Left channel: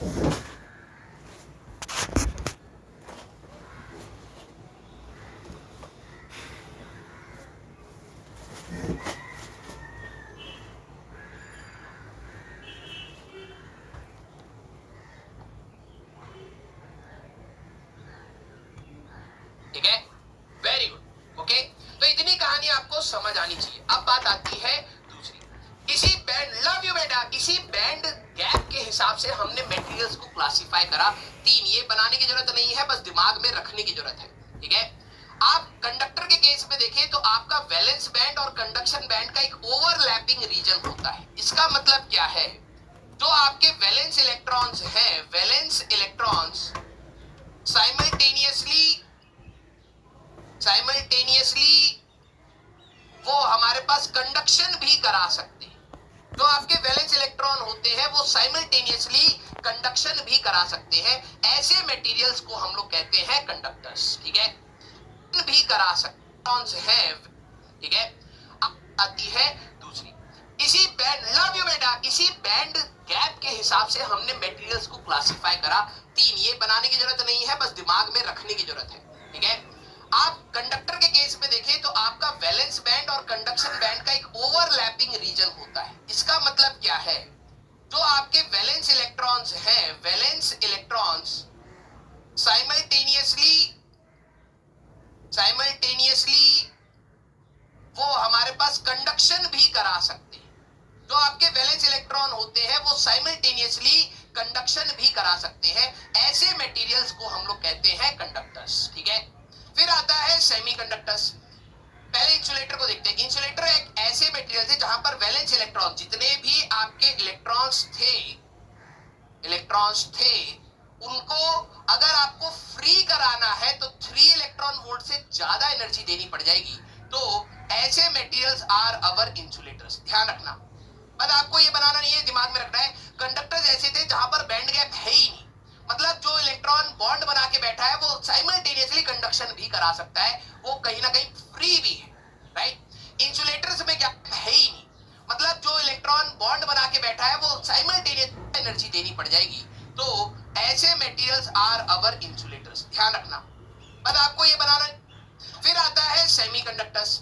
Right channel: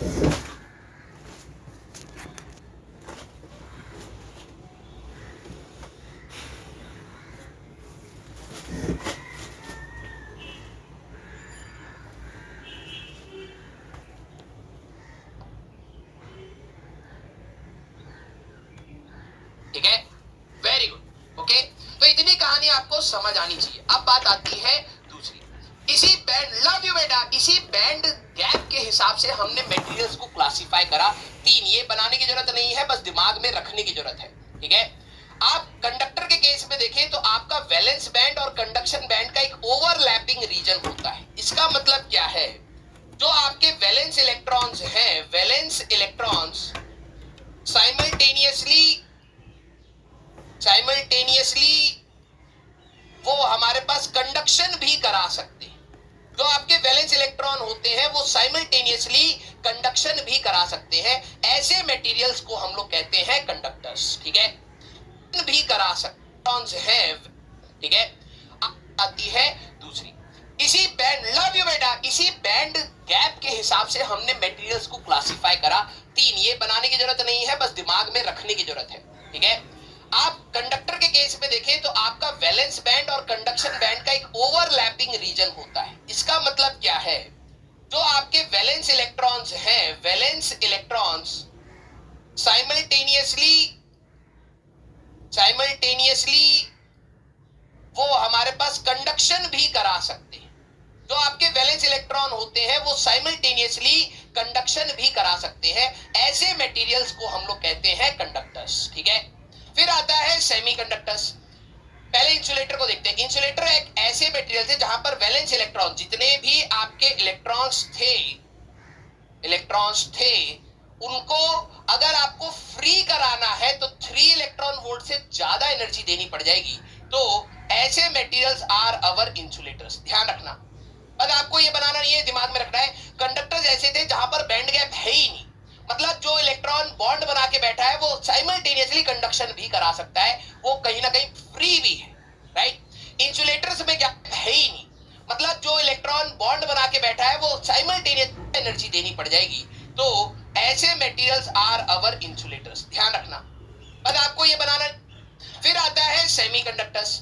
ठीक है, very good. Okay, तो इतनी कहानी आपको समझ आनी चाहिए। अब बात आती है दूसरी, इसी बैंड, लव यू बेटा, इसी बैंड गैप के हिसाब से हमने मटेरियल्स को क्लासिफाई करा। 3, ये बनाने की जरूरत नहीं है, बस दिमाग में रखने की जरूरत है। ठीक है, आप कंडक्टर के केस में देखें तो आपका वैलेंस बैंड और कंडक्शन बैंड का एक ओवरलैपिंग रीजन होता है। इसका मतलब क्या है, जो आपके वैलेंस इलेक्ट्रॉन्स हैं, वैलेंस इलेक्ट्रॉन्स साइमल्टेनियसली वो हमारे पास कंडक्शन भी करा सकते हैं। जो आपके वैलेंस इलेक्ट्रॉन होते हैं वो साइमल्टेनियसली कंडक्शन भी करा सकते हैं। ऐसे मटेरियल्स को हम लोग कहते हैं कंडक्टर्स। ठीक है, भी करा सकते हैं। ठीक है, आती है दूसरी, इसी बैंड, लव यू बेटा, इसी बैंड गैप के हिसाब से हमने मटेरियल्स को क्लासिफाई करा। 3, ये बनाने की जरूरत नहीं है, बस दिमाग में रखने की जरूरत है। ठीक है, आप कंडक्टर के केस में देखें तो आपका वैलेंस बैंड और कंडक्शन बैंड का एक ओवरलैपिंग रीजन होता है। इसका मतलब क्या है, जो आपके वैलेंस इलेक्ट्रॉन्स हैं, वैलेंस इलेक्ट्रॉन्स साइमल्टेनियसली वो हमारे पास कंडक्शन भी करा सकते हैं। जो आपके वैलेंस इलेक्ट्रॉन होते हैं वो साइमल्टेनियसली कंडक्शन भी करा सकते हैं। ऐसे मटेरियल्स को हम लोग कहते हैं कंडक्टर्स। ठीक है, फिर आता है सेमीकंडक्टर्स। पहले इंसुलेटर को देखते हैं। इंसुलेटर एक ऐसे मटेरियल थे जहां पर वैलेंस इलेक्ट्रॉन, जितने भी आपके इलेक्ट्रॉन्स थे उनको अगर आपको फ्री कराना है तो 3 इलेक्ट्रॉन वोल्ट से ज्यादा एनर्जी देनी पड़ जाएगी। तो ऐसे मटेरियल्स आर अवर इंसुलेटर्स। ध्यान रखना, बस आपको ये बनाना नहीं है, दिमाग में रखना है। कंडक्टर्स ऐसे थे जहां पर बैंड गैप है ही नहीं, मतलब जो इलेक्ट्रॉन बॉन्ड बना के बैठा है वो साइमल्टेनियसली कंडक्शन भी करा सकता है, वो कहीं ना कहीं फ्री भी है। राइट, इंसुलेटर्स में क्या है ही नहीं, मतलब जो इलेक्ट्रॉन बॉन्ड बना के बैठा है वो साइमल्टेनियस एनर्जी देनी पड़ जाएगी। तो ऐसे मटेरियल्स आर अवर इंसुलेटर्स। ध्यान रखना, बस आपको ये बनाना। फिर आता है सेमीकंडक्टर्स।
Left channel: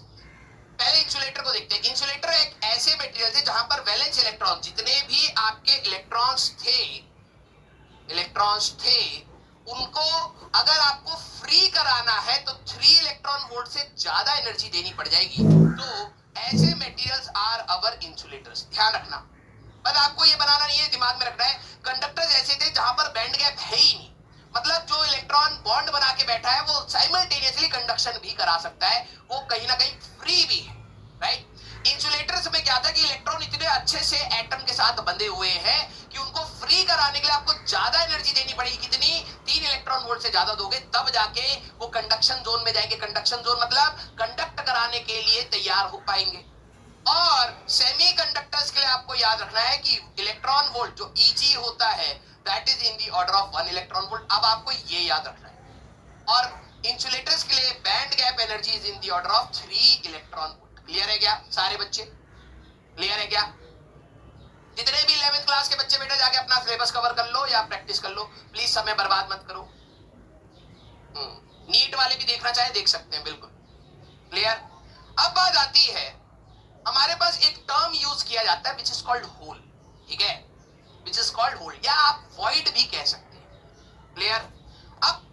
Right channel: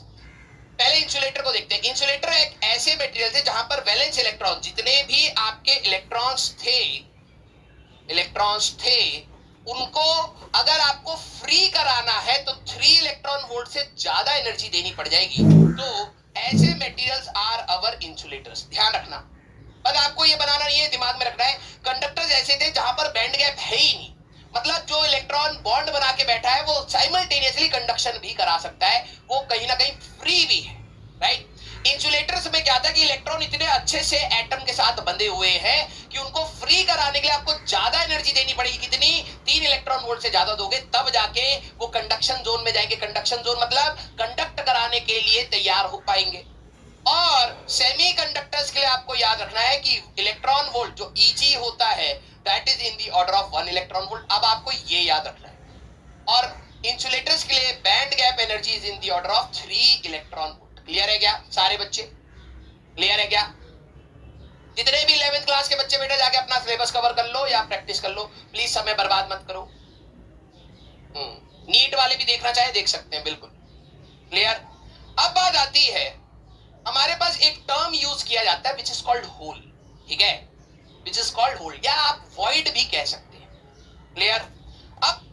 पहले इंसुलेटर को देखते हैं। इंसुलेटर एक ऐसे मटेरियल थे जहां पर वैलेंस इलेक्ट्रॉन, जितने भी आपके इलेक्ट्रॉन्स थे उनको अगर आपको फ्री कराना है तो 3 इलेक्ट्रॉन वोल्ट से ज्यादा एनर्जी देनी पड़ जाएगी। तो ऐसे मटेरियल्स आर अवर इंसुलेटर्स। ध्यान रखना, बस आपको ये बनाना नहीं है, दिमाग में रखना है। कंडक्टर्स ऐसे थे जहां पर बैंड गैप है ही नहीं, मतलब जो इलेक्ट्रॉन बॉन्ड बना के बैठा है वो साइमल्टेनियसली कंडक्शन भी करा सकता है, वो कहीं ना कहीं फ्री भी है। राइट, इंसुलेटर्स में क्या था कि इलेक्ट्रॉन इतने अच्छे से एटम के साथ बंधे हुए हैं कि उनको फ्री कराने के लिए आपको ज्यादा एनर्जी देनी पड़ेगी। कितनी? 3 इलेक्ट्रॉन वोल्ट से ज्यादा दोगे तब जाके वो कंडक्शन जोन में जाएंगे। कंडक्शन जोन मतलब कंडक्ट कराने के लिए तैयार हो पाएंगे। और सेमीकंडक्टर्स के लिए आपको याद रखना है कि इलेक्ट्रॉन वोल्ट जो Eg होता है that is in the order of 1 electron volt. अब आपको ये याद रखना है। और इंसुलेटर्स के लिए band gap energy is in the order of 3 electron volt. Clear है क्या सारे बच्चे? क्लियर है क्या? जितने भी 11th क्लास के बच्चे बेटा जाके अपना सिलेबस कवर कर लो या प्रैक्टिस कर लो, प्लीज समय बर्बाद मत करो। नीट वाले भी देखना चाहे देख सकते हैं, बिल्कुल क्लियर। अब बात आती है, हमारे पास एक टर्म यूज किया जाता है विच इज कॉल्ड होल। ठीक है, विच इज कॉल्ड होल, या आप वॉइड भी कह सकते हैं। क्लियर। अब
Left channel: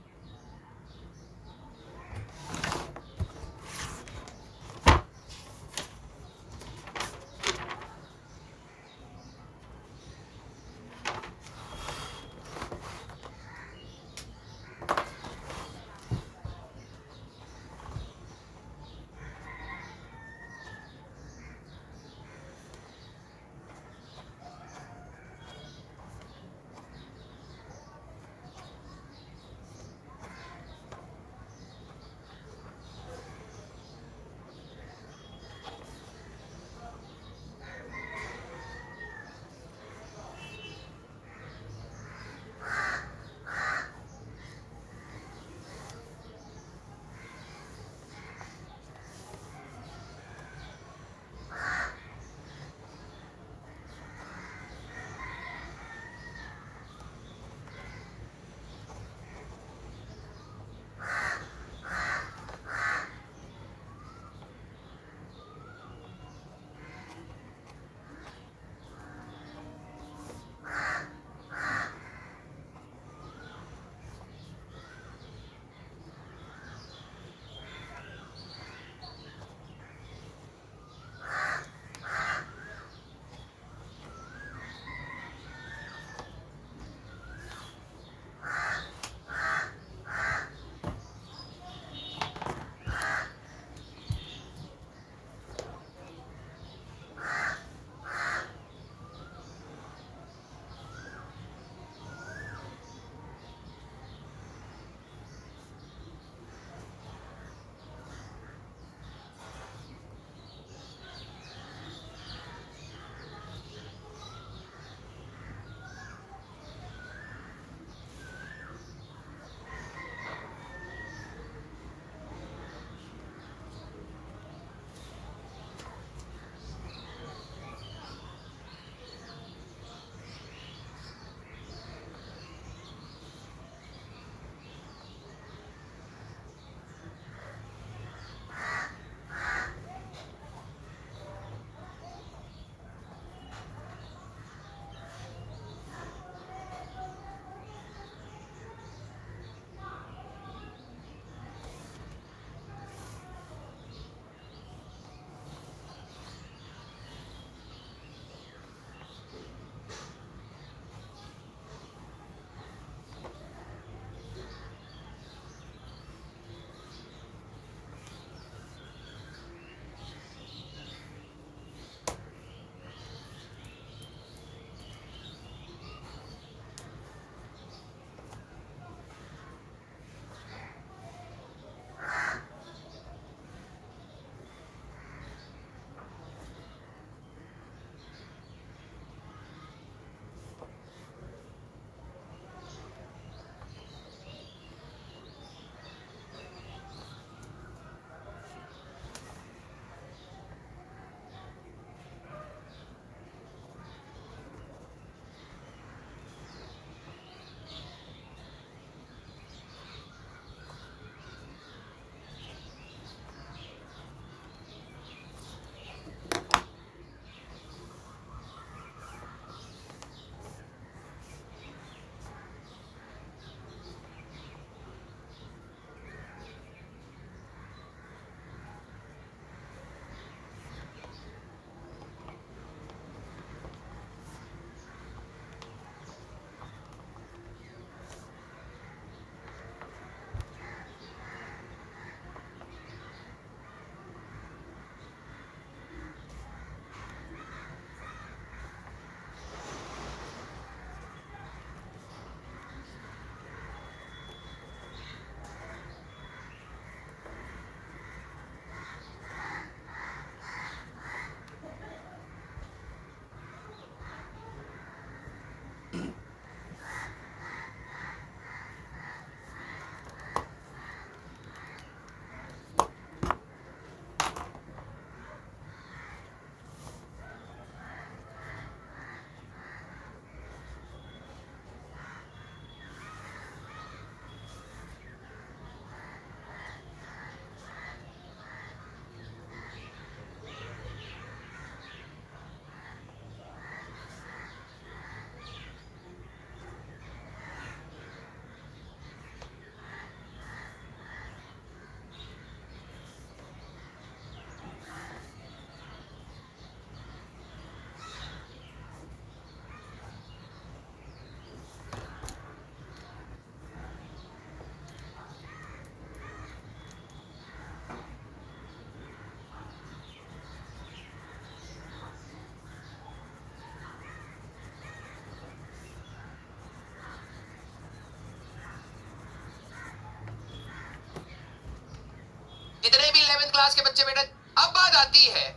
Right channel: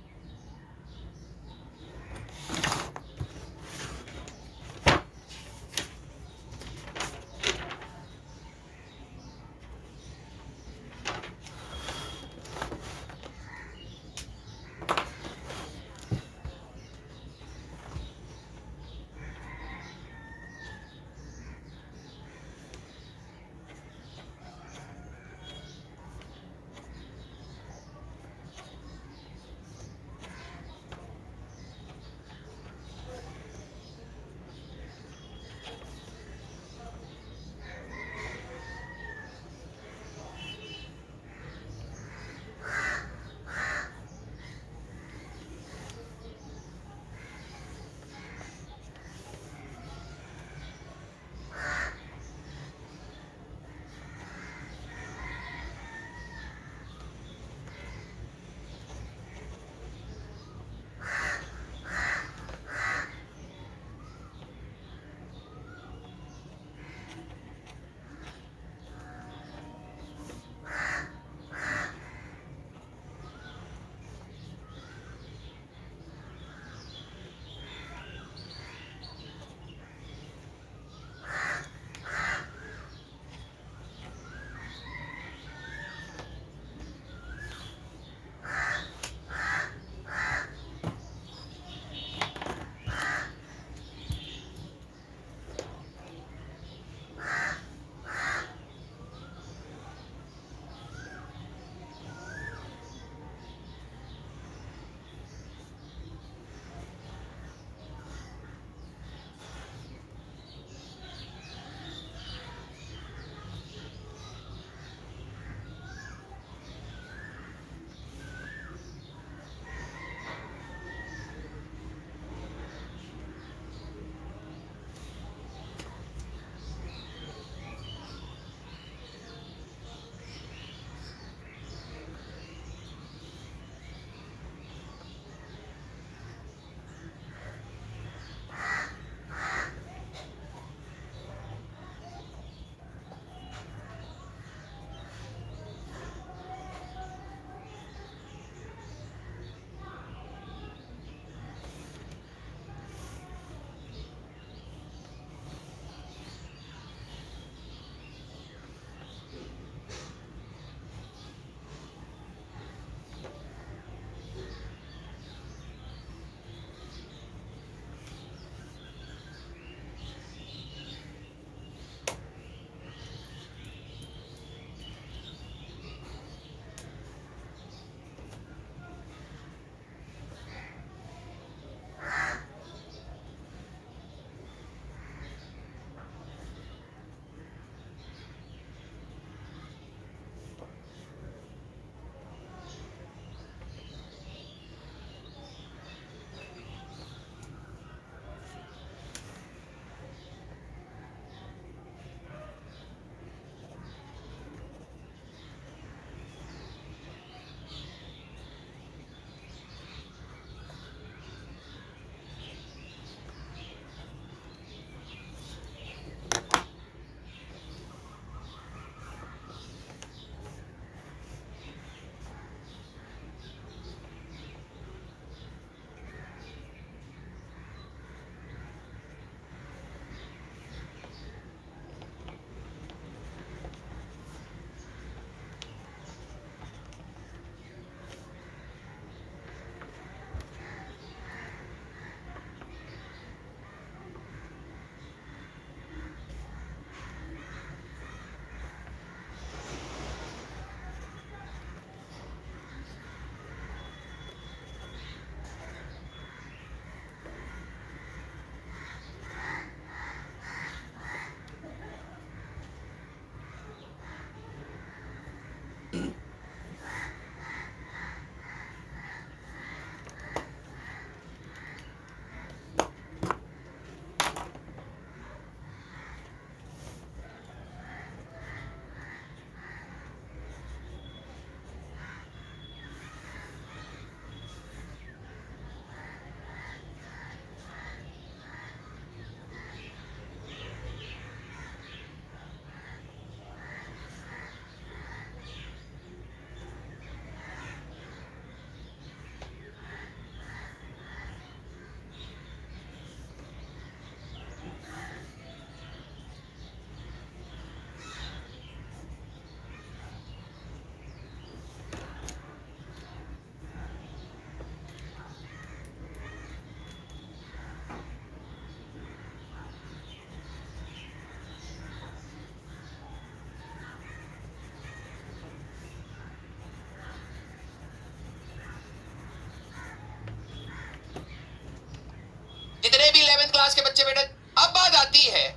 भी 11th क्लास के बच्चे बेटा। अब बात आती है,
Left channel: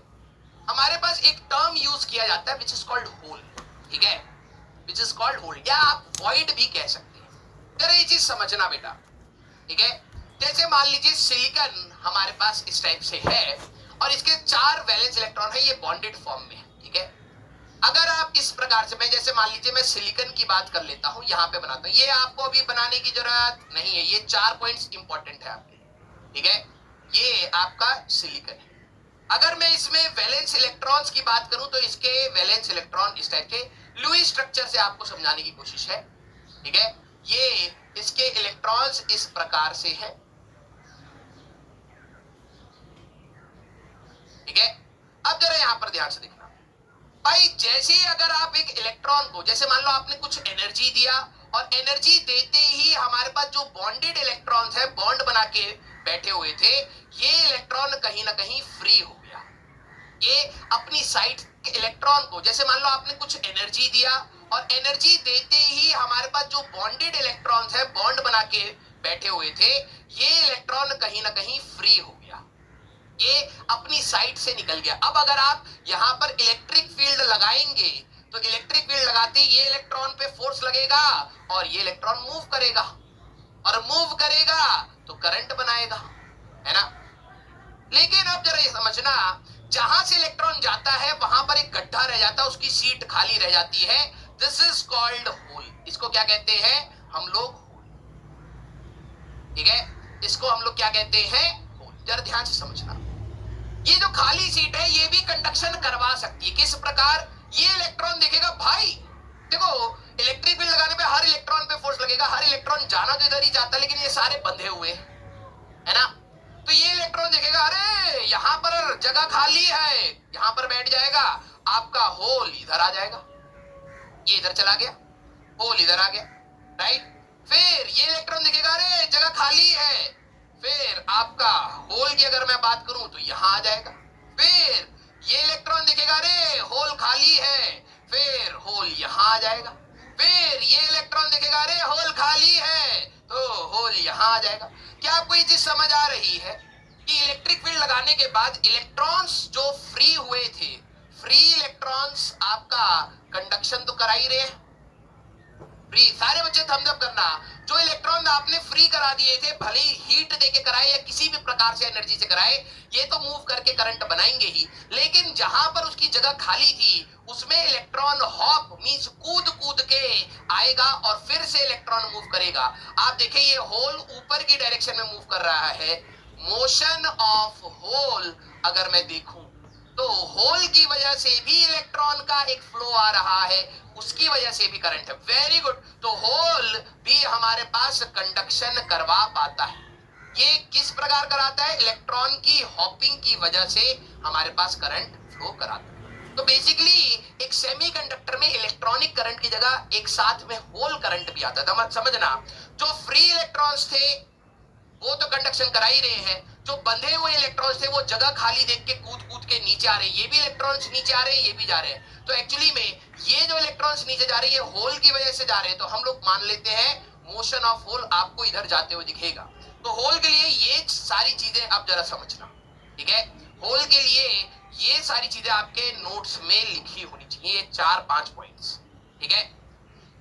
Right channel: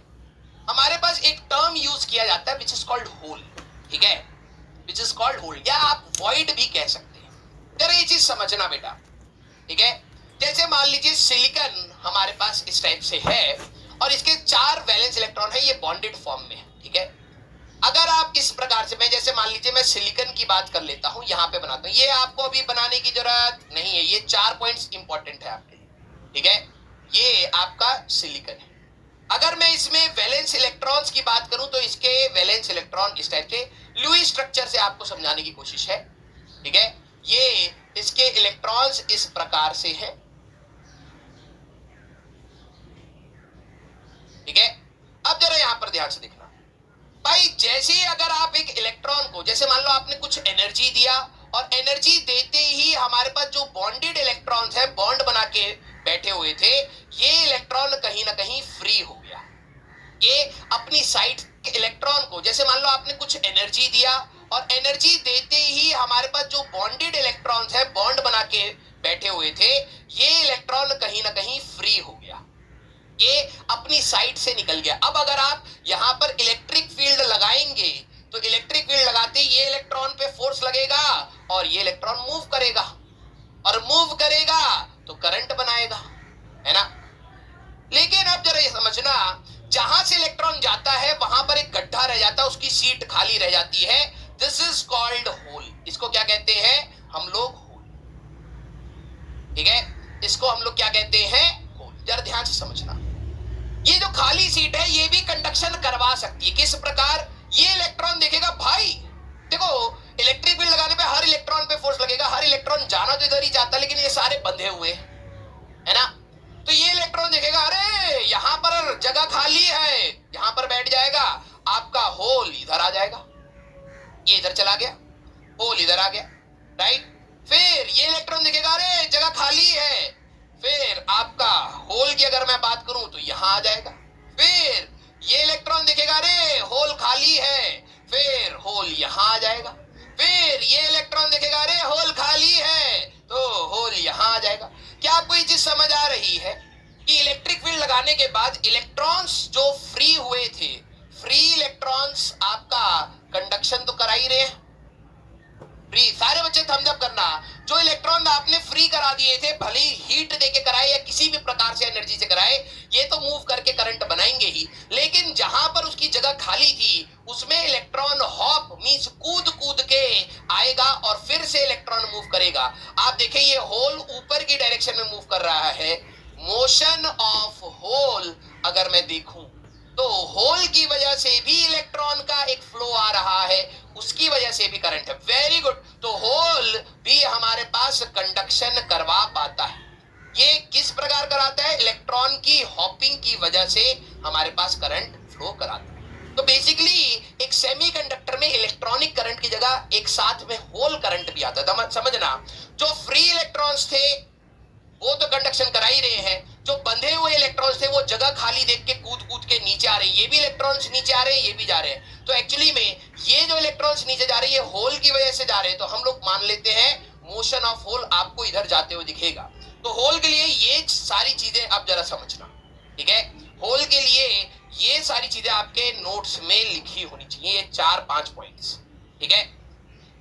हमारे पास एक टर्म यूज किया जाता है विच इज कॉल्ड होल, ठीक है, विच इज कॉल्ड होल, या आप वॉइड भी कह सकते हैं। जरा ये चीज समझना बेटा, ठीक है। जैसे मान लीजिए सिलिकॉन हमारे पास इस टाइप से है और इसके 4 वैलेंस इलेक्ट्रॉन है, ये बॉन्डेड फॉर्म में, ठीक है। अगर आप इस प्रकार से, मैं जैसे मान लीजिए मैं सिलिकॉन की बात कर लेता हूं, यहां पे बनाता हूं, ये आपको अभी बनाने की जरूरत नहीं है, ये 4 पॉइंट्स इंपॉर्टेंट है आपके लिए, ठीक है। ये आपका सिलिकॉन है। अगर मैं इसमें वैलेंस इलेक्ट्रॉन्स की बात करूं तो इसके वैलेंस इलेक्ट्रॉन इस टाइप के लुईस स्ट्रक्चर से आपको समझाने की कोशिश है, ठीक है। ये इसके इलेक्ट्रॉन्स इस प्रकार से हैं, ठीक है। अब जरा यहां पर ध्यान से देखना भाई, जैसे ही अगर आप एक इलेक्ट्रॉन को, जैसे मान लो आपने कुछ एनर्जी दिया और एनर्जी देते ही हमारे पास जो बॉन्डेड इलेक्ट्रॉन्स है, बॉन्ड बना के बैठे हुए थे, ये इलेक्ट्रॉन कहीं ना कहीं फ्री हो गया। ये अपनी साइड के इलेक्ट्रॉन को, जैसे मान लो आपने कुछ एनर्जी दिया और एनर्जी देते ही हमारे पास जो बॉन्डेड इलेक्ट्रॉन्स है, बॉन्ड बना के बैठे हुए थे, ये इलेक्ट्रॉन कहीं ना कहीं फ्री हो गया, ये अपनी साइड से निकल गया। अब अगर आप यहां पर इलेक्ट्रिक फील्ड लगाएंगे तो इलेक्ट्रिक फील्ड लगाते ही ये इलेक्ट्रॉन पे फोर्स लगेगा और ये इलेक्ट्रॉन मूव करेगा, और मूव करेगा तो करंट बनाएगा, है ना। लेकिन अब जरा ये समझना, जहां से इलेक्ट्रॉन जाता है वहां पर एक गड्ढा रह जाता है, उसकी सीट खाली रह जाती है। This is called hole. इसको क्या कहते हैं हम लोग? होल, ठीक है। इसको हम लोग क्या कहते हैं? होल। जरा ध्यान से समझना, ये जो खाली सीट है ये भी कंडक्शन करवा सकती है। किस प्रकार? ये इलेक्ट्रॉन देखेगा भाई, देखो इलेक्ट्रिक फील्ड लगाने पे हर इलेक्ट्रॉन पे फोर्स लगेगा, हर इलेक्ट्रॉन जाना तो इधर ही चाहता है, लेकिन ये सारे बंधे हुए है ना। तो ये इलेक्ट्रॉन देखेगा, अरे यहां पर जगह खाली है, यहां पर बैठ जाएगा, आपका होल इधर आ जाएगा, ये इधर चला गया, होल इधर आ गया, राइट। फिर ये इलेक्ट्रॉन देखेगा, अरे जगह खाली है, फिर आपका होल की अगर मैं बात करूं तो यहां आ जाएगा। फिर ये इलेक्ट्रॉन देखेगा, अरे होल खाली है, फिर होल यहां आ जाएगा। फिर ये इलेक्ट्रॉन देखेगा, अरे होल खाली है, तो होल यहां आ जाएगा। क्या आपको ये चीज समझ आ रही है कि इलेक्ट्रिक फील्ड लगाने के बाद इलेक्ट्रॉन्स जो फ्री हुए थे, फ्री इलेक्ट्रॉन्स आपका कंडक्शन तो करा ही रहे हैं। फ्री, सारे बच्चे थम्स अप करना, जो इलेक्ट्रॉन आपने फ्री करा दिए थे, भले ही हीट देके कराए या किसी भी प्रकार से एनर्जी से कराए, ये तो मूव करके करंट बनाएंगे ही, लेकिन जहां पर उसकी जगह खाली थी उसमें इलेक्ट्रॉन हॉप मींस कूद कूद के आएगा और फिर से इलेक्ट्रॉन मूव करेगा। आप देखें ये होल ऊपर की डायरेक्शन में मूव कर रहा है। मोशन ऑफ होल अगर मैं देखूं तो होल की वजह से भी इलेक्ट्रॉन का एक फ्लो आ रहा है, उसकी वजह से भी करंट है। Very good. तो होल भी हमारे पास कंडक्शन करवा पाता है। ये किस प्रकार कराता है? इलेक्ट्रॉन की हॉपिंग की वजह से हमारे पास करंट फ्लो कराता है। तो बेसिकली एक सेमीकंडक्टर में इलेक्ट्रॉनिक करंट की जगह एक साथ में होल करंट भी आता है। समझना, जो फ्री इलेक्ट्रॉन्स थे वो तो कंडक्शन करा ही रहे हैं, जो बंधे हुए इलेक्ट्रॉन्स थे वो जगह खाली देख के कूद कूद के नीचे आ रहे हैं, ये भी इलेक्ट्रॉन्स नीचे आ रहे हैं, ये भी जा रहे हैं। तो एक्चुअली में ये जो इलेक्ट्रॉन्स नीचे जा रहे हैं ये होल की वजह से जा रहे हैं, तो हम लोग मान लेते हैं मोशन ऑफ होल आपको इधर जाते हुए दिखेगा। तो होल के लिए ये सारी चीजें आप जरा समझना, ठीक है। होल के लिए ये सारी चीजें आपके नोट्स में लिखी होनी चाहिए, 4-5 पॉइंट्स, ठीक है।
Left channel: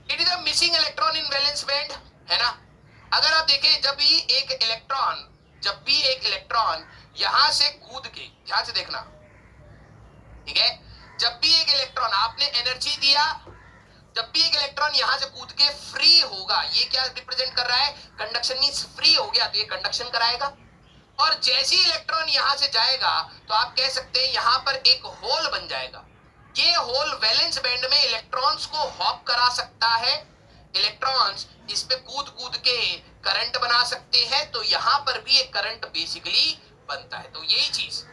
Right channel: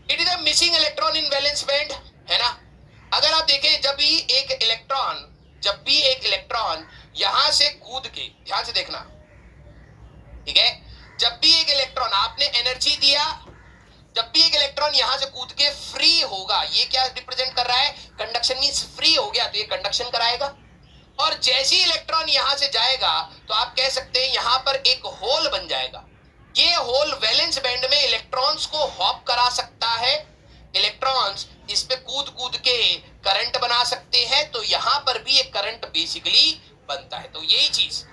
It is a missing electron in valence band, है ना। अगर आप देखें जब भी एक इलेक्ट्रॉन यहां से कूद के, ध्यान से देखना, ठीक है, जब भी एक इलेक्ट्रॉन आपने एनर्जी दिया, जब भी एक इलेक्ट्रॉन यहां से कूद के फ्री होगा, ये क्या रिप्रेजेंट कर रहा है? कंडक्शन मींस फ्री हो गया तो ये कंडक्शन कराएगा। और जैसे ही इलेक्ट्रॉन यहां से जाएगा तो आप कह सकते हैं यहां पर एक होल बन जाएगा। ये होल वैलेंस बैंड में इलेक्ट्रॉन्स को हॉप करा सकता है, इलेक्ट्रॉन्स इस पे कूद कूद के करंट बना सकते हैं, तो यहां पर भी एक करंट बेसिकली बनता है। तो यही चीज,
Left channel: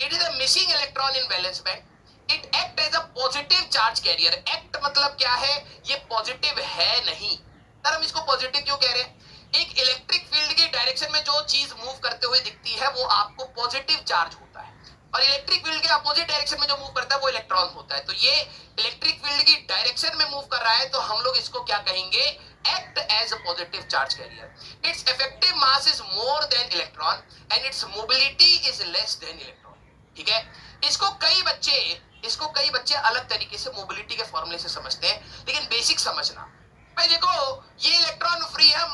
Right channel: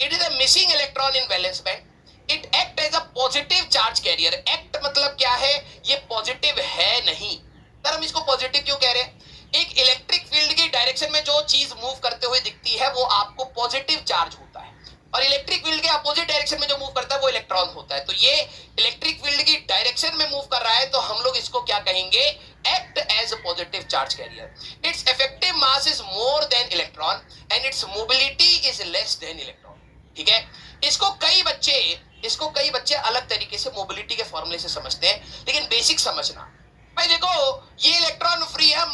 it is a missing electron in valence band. It act as a positive charge carrier. Act मतलब क्या है? ये पॉजिटिव है नहीं। सर हम इसको पॉजिटिव क्यों कह रहे हैं? एक इलेक्ट्रिक फील्ड की डायरेक्शन में जो चीज मूव करते हुए दिखती है वो आपको पॉजिटिव चार्ज होता है, और इलेक्ट्रिक फील्ड के अपोजिट डायरेक्शन में जो मूव करता है वो इलेक्ट्रॉन होता है। तो ये इलेक्ट्रिक फील्ड की डायरेक्शन में मूव कर रहा है, तो हम लोग इसको क्या कहेंगे? Act as a positive charge carrier. Its effective mass is more than electron and its mobility is less than electron. ठीक है, इसको कई बच्चे अलग तरीके से मोबिलिटी के फॉर्मूले से समझते हैं, लेकिन बेसिक समझना भाई। देखो ये इलेक्ट्रॉन फ्री है,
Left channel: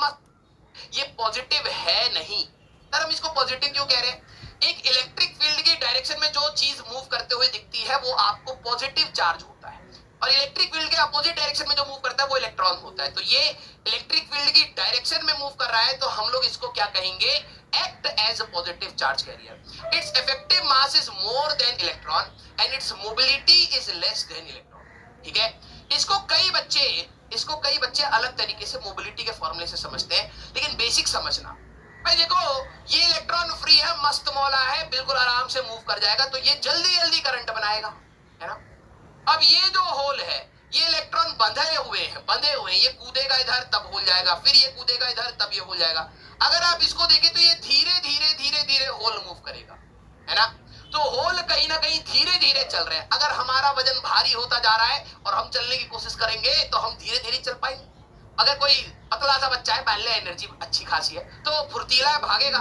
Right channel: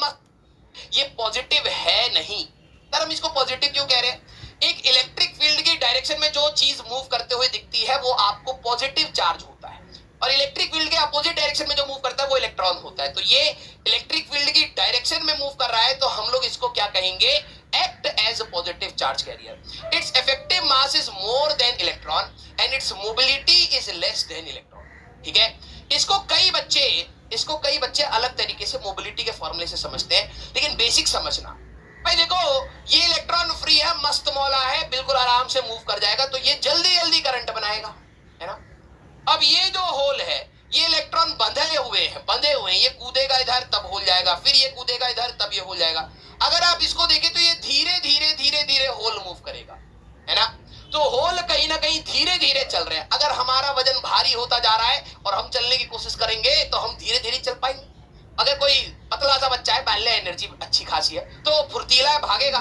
ये पॉजिटिव है नहीं। सर हम इसको पॉजिटिव क्यों कह रहे हैं? एक इलेक्ट्रिक फील्ड की डायरेक्शन में जो चीज मूव करते हुए दिखती है वो आपको पॉजिटिव चार्ज होता है, और इलेक्ट्रिक फील्ड के अपोजिट डायरेक्शन में जो मूव करता है वो इलेक्ट्रॉन होता है। तो ये इलेक्ट्रिक फील्ड की डायरेक्शन में मूव कर रहा है, तो हम लोग इसको क्या कहेंगे? Act as positive charge carrier. Its effective mass is more than electron and its mobility is less than electron. ठीक है, इसको कई बच्चे अलग तरीके से मोबिलिटी के फॉर्मूले से समझते हैं, लेकिन बेसिक समझना भाई। देखो ये इलेक्ट्रॉन फ्री है, मस्त मौला है, बिल्कुल आराम से मूव कर जाएगा, तो ये जल्दी जल्दी करंट बनाएगा, है ना। अब ये जो होल है, ये इलेक्ट्रॉन बंधे हुए हैं, ये कूदेगा इधर तब होल जाएगा, फिर ये कूदेगा इधर तब ये होल जाएगा। अगर आप इसको देखें तो ये धीरे धीरे होल मूव करेगा, है ना। तो होल कहीं ना कहीं धीरे धीरे चल रहे हैं। अगर हमारा वजन भारी होता जा रहा है और हम चलने की कोशिश करेंगे तो हम धीरे धीरे चल पाएंगे। अगर कोई पतला सा बच्चा है, मान लिया एनर्जी अच्छी खासी है, तो फुर्तीला है, भागेगा।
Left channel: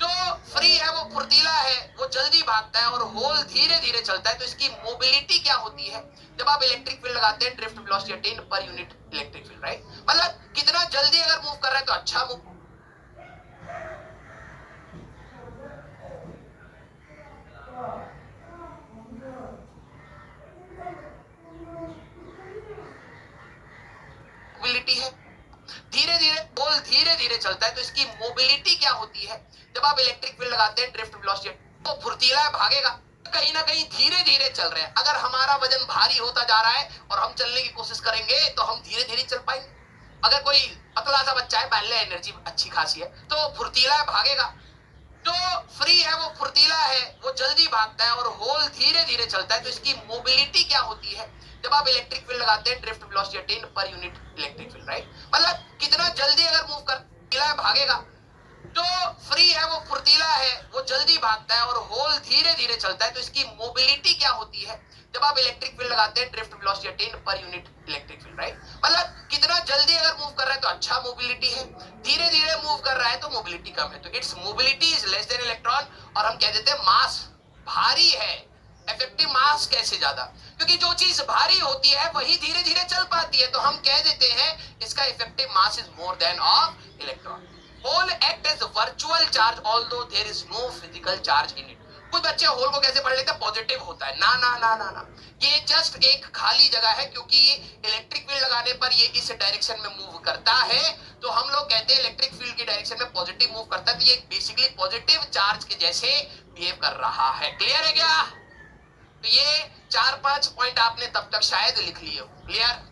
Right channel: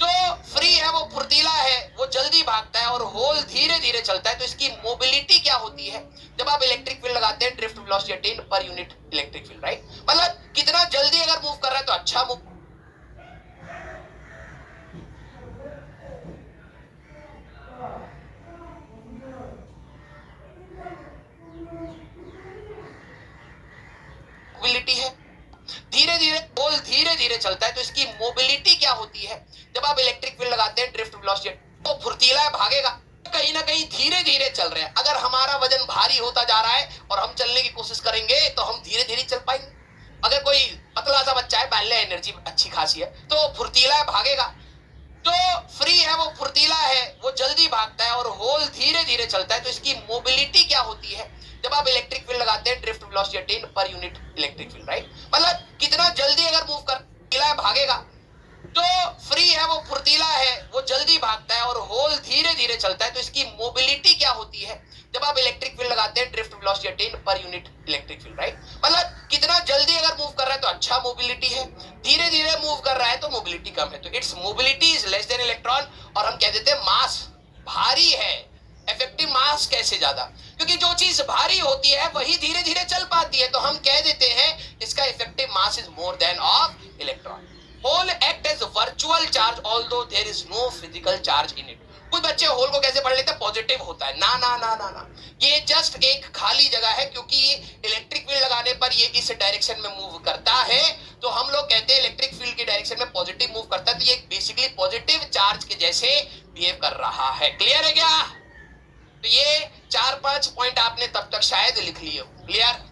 जो फ्री है वो फुर्तीला है, वो जल्दी भागता है, और होल धीरे धीरे चलता है। तो इसकी मोबिलिटी क्या होती है? जब आप इलेक्ट्रिक फील्ड लगाते हैं, drift velocity attain per unit electric field, right. मतलब कितना जल्दी अगर मूव कर रहे हैं तो अच्छा मूव। मोबिलिटी है, धीरे धीरे चलता है। तो इसकी मोबिलिटी क्या होती है? जब आप इलेक्ट्रिक फील्ड लगाते हैं, ड्रिफ्ट वेलोसिटी, तो फुर्तीला है, भागेगा। कहीं ना कहीं धीरे धीरे चल रहे हैं। अगर हमारा वजन भारी होता जा रहा है और हम चलने की कोशिश करेंगे तो हम धीरे धीरे चल पाएंगे। अगर कोई पतला सा बच्चा है, मान लिया एनर्जी अच्छी खासी है, तो फुर्तीला है, भागेगा। जो फ्री है वो फुर्तीला है, वो जल्दी भागता है, और होल धीरे धीरे चलता है। तो इसकी मोबिलिटी क्या होती है? जब आप इलेक्ट्रिक फील्ड लगाते हैं, drift velocity attain per unit electric field, right. मतलब कितना जल्दी अगर मूव कर भागेगा। जो फ्री है वो फुर्तीला है, वो जल्दी भागता है, और होल धीरे धीरे चलता है। तो इसकी मोबिलिटी क्या होती है? जब आप इलेक्ट्रिक फील्ड लगाते हैं, drift velocity attain per unit electric field, right. मतलब कितना जल्दी अगर मूव कर रहा है तो अच्छा मोबिलिटी है, धीरे धीरे मूव कर रहा है तो मोबिलिटी कम है। तो it's mobility is less than electron, और हम कह देते हैं मास भारी है, इफेक्टिव मास कैसे ज्यादा? क्योंकि जो चीज भारी होती है वही धीरे धीरे चल पाती है, तो हम कह देते हैं इसका effective mass is more than of electron. Hole act as virtual charge although there is no physical charge in it. कुछ बच्चे होल को कैसे पढ़ लेते हैं? पॉजिटिव होता है। ना ना ना ना ना, ये जस्ट एक खाली जगह है, क्योंकि इलेक्ट्रिक फील्ड लगाने पर ये इस डायरेक्शन में मूव करता है। तो हम लोग कहते हैं इलेक्ट्रिक फील्ड की डायरेक्शन में पॉजिटिव मूव करता है, तो ये बेसिकली पॉजिटिव चार्ज के जैसे बिहेव कर रहा है। क्लियर है क्या? तो ये 4-5 पॉइंट आपने तब तक शायद लिख लिए हो। क्लियर?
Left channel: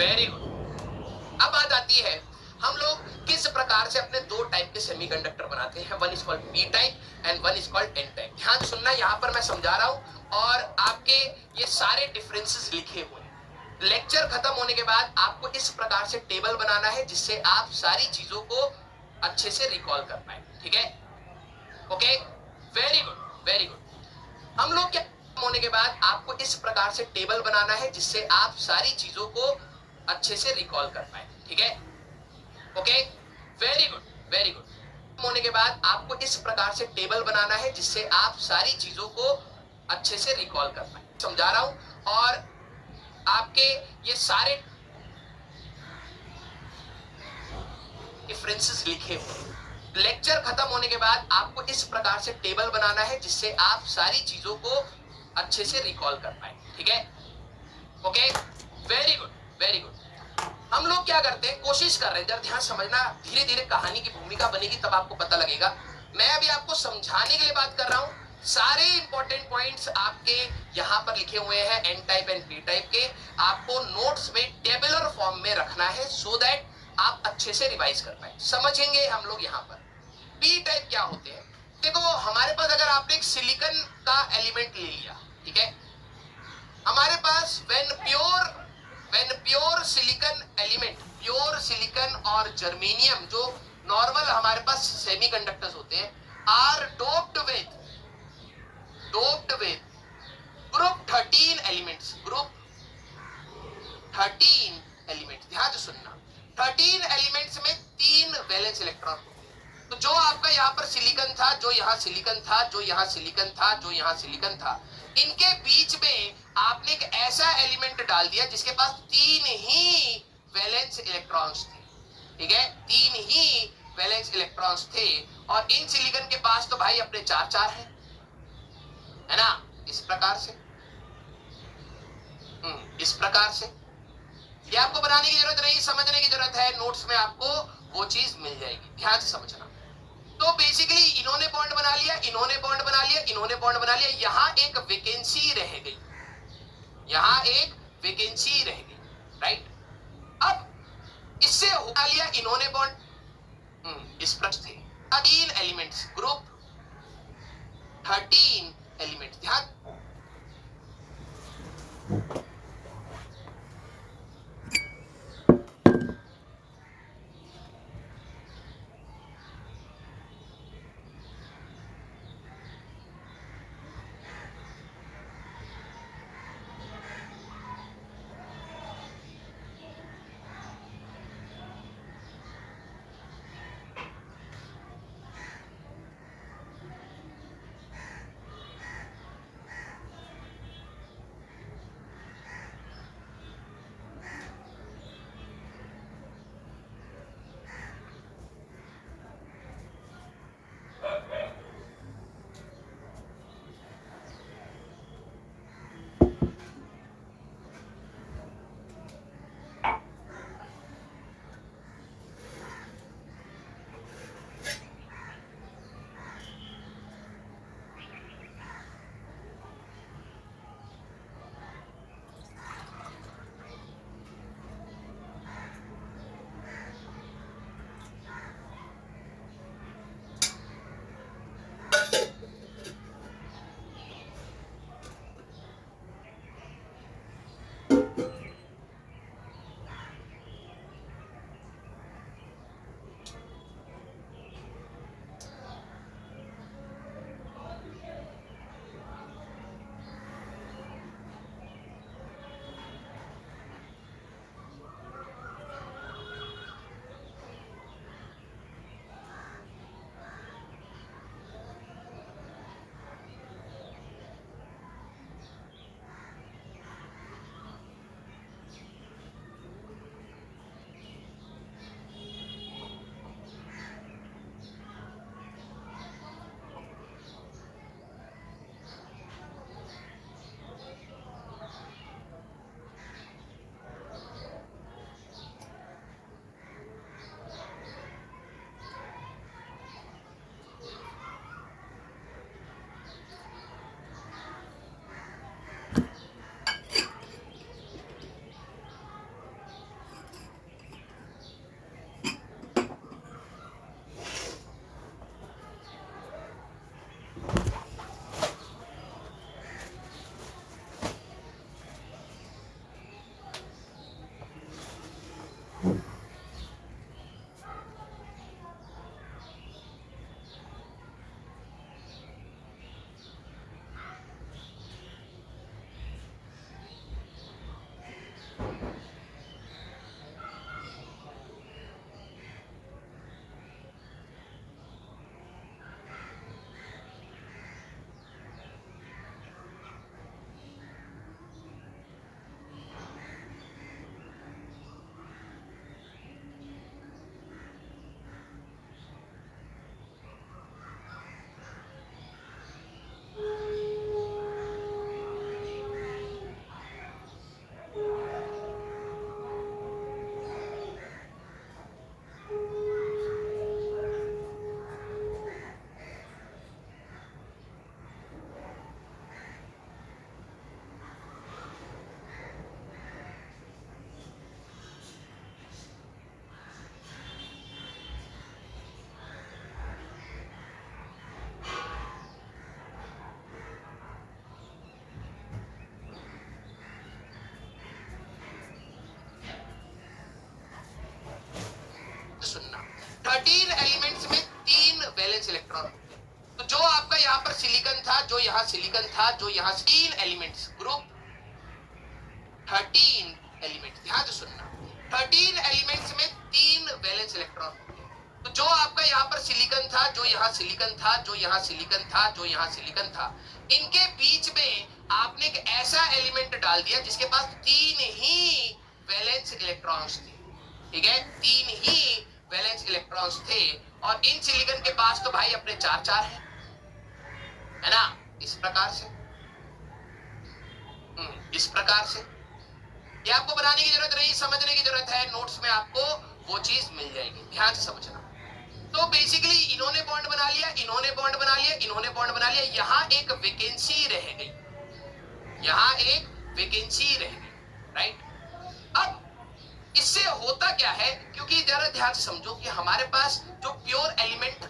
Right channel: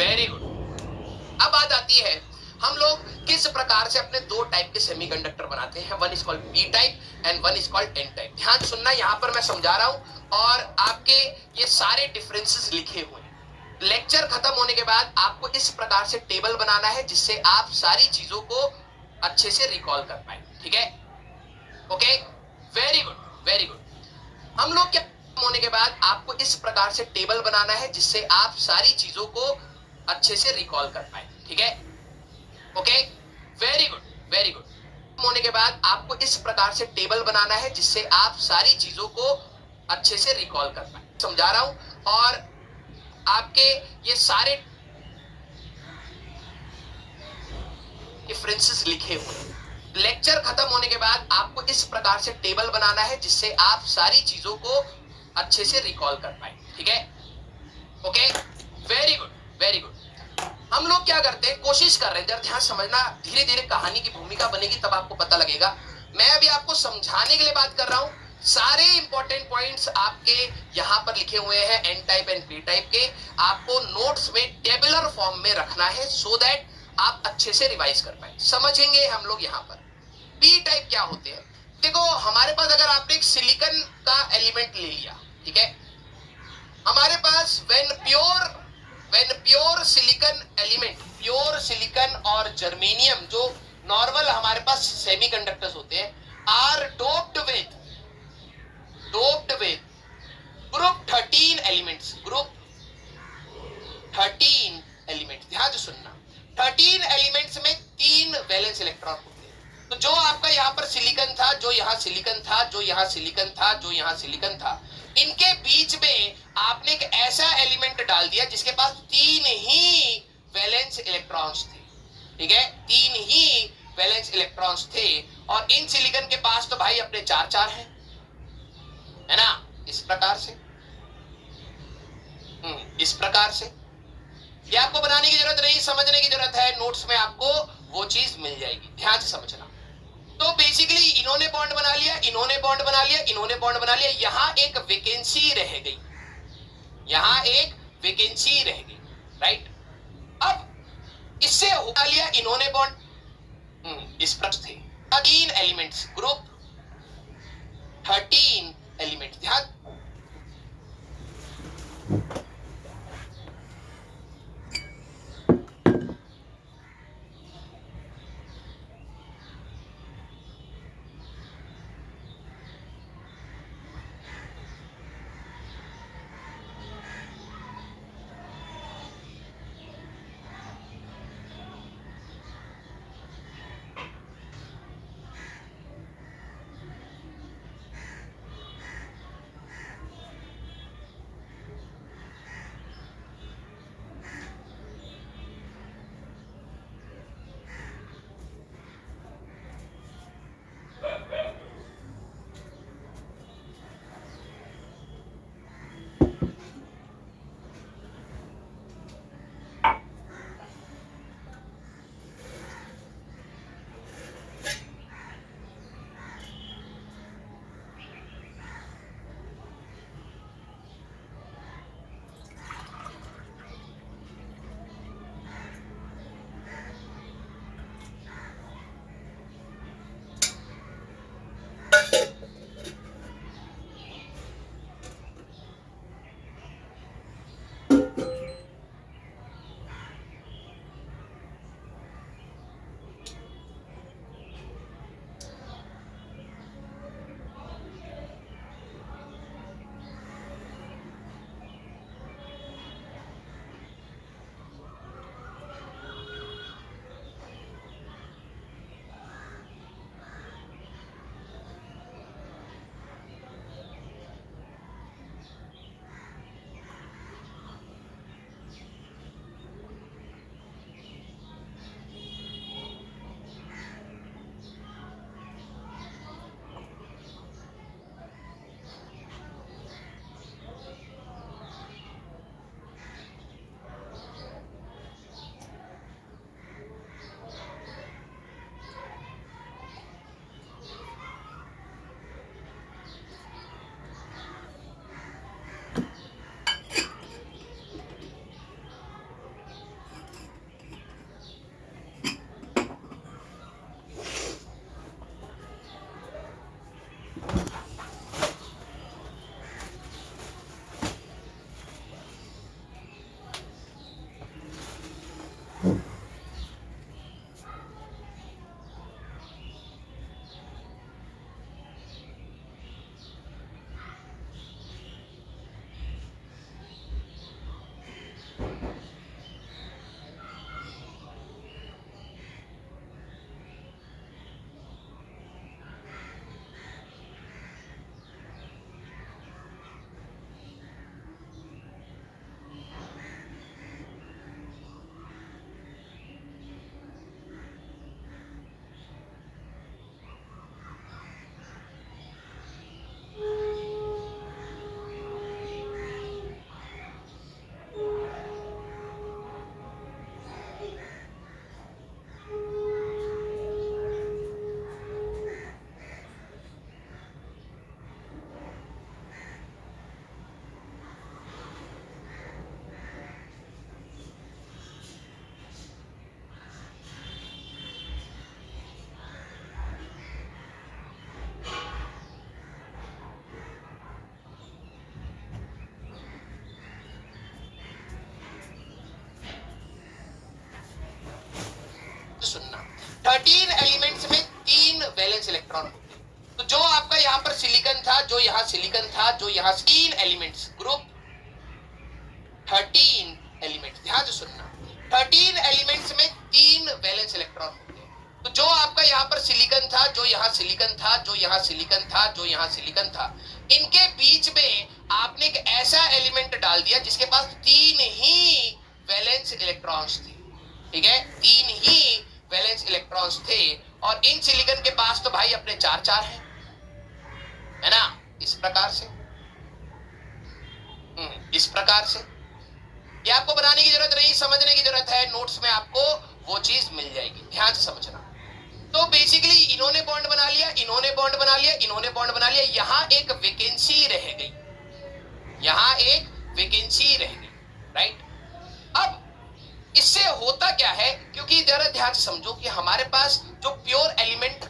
Very good. अब बात आती है हम लोग किस प्रकार से अपने दो टाइप के सेमीकंडक्टर बनाते हैं। One is called P type and one is called an type. ध्यान सुनना, यहां पर मैं समझा रहा हूं और आपके ये सारे डिफरेंसेस लिखे हुए हैं। लेक्चर खत्म होने के बाद आपको इस प्रकार से टेबल बनाना है जिससे आप सारी चीजों को अच्छे से रिकॉल कर पाए। ठीक है, okay, very good very good. हम लोग क्या होने के बाद आपको इस प्रकार से टेबल बनाना है जिससे आप सारी चीजों को अच्छे से रिकॉल कर पाए। ठीक है, okay, very good very good. होने के बाद आपको इस प्रकार से टेबल बनाना है जिससे आप सारी चीजों को अच्छे से रिकॉल कर पाए। समझा रहा हूं और आपके ये सारे डिफरेंसेस लिखे हुए हैं। लेक्चर खत्म होने के बाद आपको इस प्रकार से टेबल बनाना है जिससे आप सारी चीजों को अच्छे से रिकॉल कर पाए। ठीक है, okay, very good very good. हम लोग क्या करते हैं, कोशिश कर रहे हैं, जरा ध्यान समझना, धीरे धीरे कहानी की भूमिका बनेगी तब आपको पता लगेगा। मैं अभी आपको समझाने के लिए बात कर रहा हूं। सारे इंपॉर्टेंट पॉइंट्स आपके यहां पर लिखे हुए हैं N type and P type के। आपको नोट्स में टेबुलर फॉर्म में रखना है सो दैट आप अच्छे से रिवाइज कर पाए। समझेंगे हम लोग यहां पर पी टाइप क्या होते हैं। देखो, हमारे पास अगर आपने एक सिलिकॉन का एलिमेंट ले लिया, ठीक है, हमारे पास when pure silicon element, pure silicon और जर्मेनियम जो नॉर्मल हमारे पास सेमीकंडक्टर्स होते हैं, are doped with group 13 elements, group 13 elements. ध्यान से सुनना, 13 एलिमेंट्स में 3 वैलेंस इलेक्ट्रॉन होते हैं। तो जो आपका यहाँ पर सिलिकॉन था, जो यहाँ सिलिकॉन था, जो यहाँ सिलिकॉन था, जो यहाँ सिलिकॉन था, इनके बीच में आपने एक ऐसा एलिमेंट डाल दिया जिसके पास 3 ही वैलेंस इलेक्ट्रॉन्स थे। ठीक है, 3 ही वैलेंस इलेक्ट्रॉन्स थे और इन सिलिकॉन के पास तो भाई अपने 4 हैं, है ना, इस प्रकार से। इस प्रकार से ये आपको बनाने की जरूरत नहीं, समझने की जरूरत है। नोट्स में आपको वो चीज मिल जाएगी, ध्यान से समझना। तो बेसिकली इन्होंने बॉन्ड बना लिया, इन्होंने बॉन्ड बना लिया, इन्होंने बॉन्ड बना लिया, यहां एक वैकेंसी रह गई, यहां एक वैकेंसी रह गई, राइट। अब इससे उठा लिया इन्होंने बॉन्ड, इस प्रकार थे 13 एलिमेंट्स, ग्रुप 13 एलिमेंट्स। ध्यान, 13 एलिमेंट्स में 3 वैलेंस इलेक्ट्रॉन होते हैं। तो जो आपका यहाँ पर सिलिकॉन था, जो यहाँ सिलिकॉन था, जो यहाँ 3 एलिमेंट्स, ग्रुप 13 एलिमेंट्स, ध्यान से सुनना, 13 एलिमेंट्स में 3 वैलेंस इलेक्ट्रॉन होते हैं। तो जो आपका यहाँ पर सिलिकॉन था, जो यहाँ सिलिकॉन था, जो यहाँ सिलिकॉन था, जो यहाँ सिलिकॉन था, इनके बीच में आपने एक ऐसा एलिमेंट डाल दिया जिसके पास 3 ही वैलेंस इलेक्ट्रॉन्स थे। ठीक है, 3 ही वैलेंस इलेक्ट्रॉन्स थे, और इन सिलिकॉन के पास तो भाई अपने 4 है ना, इस प्रकार से, इस प्रकार से। ये आपको बनाने की जरूरत नहीं, समझने की जरूरत है, नोट्स में आपको वो चीज मिल जाएगी, ध्यान से समझना। तो बेसिकली इन्होंने बॉन्ड बना लिया, इन्होंने बॉन्ड बना लिया, इन्होंने बॉन्ड बना लिया, यहां एक वैकेंसी रह गई, यहां एक वैकेंसी रह गई, राइट। अब इससे होता क्या है, क्योंकि जरा ध्यान से समझो कि हमारे पास जो प्योर एलिमेंट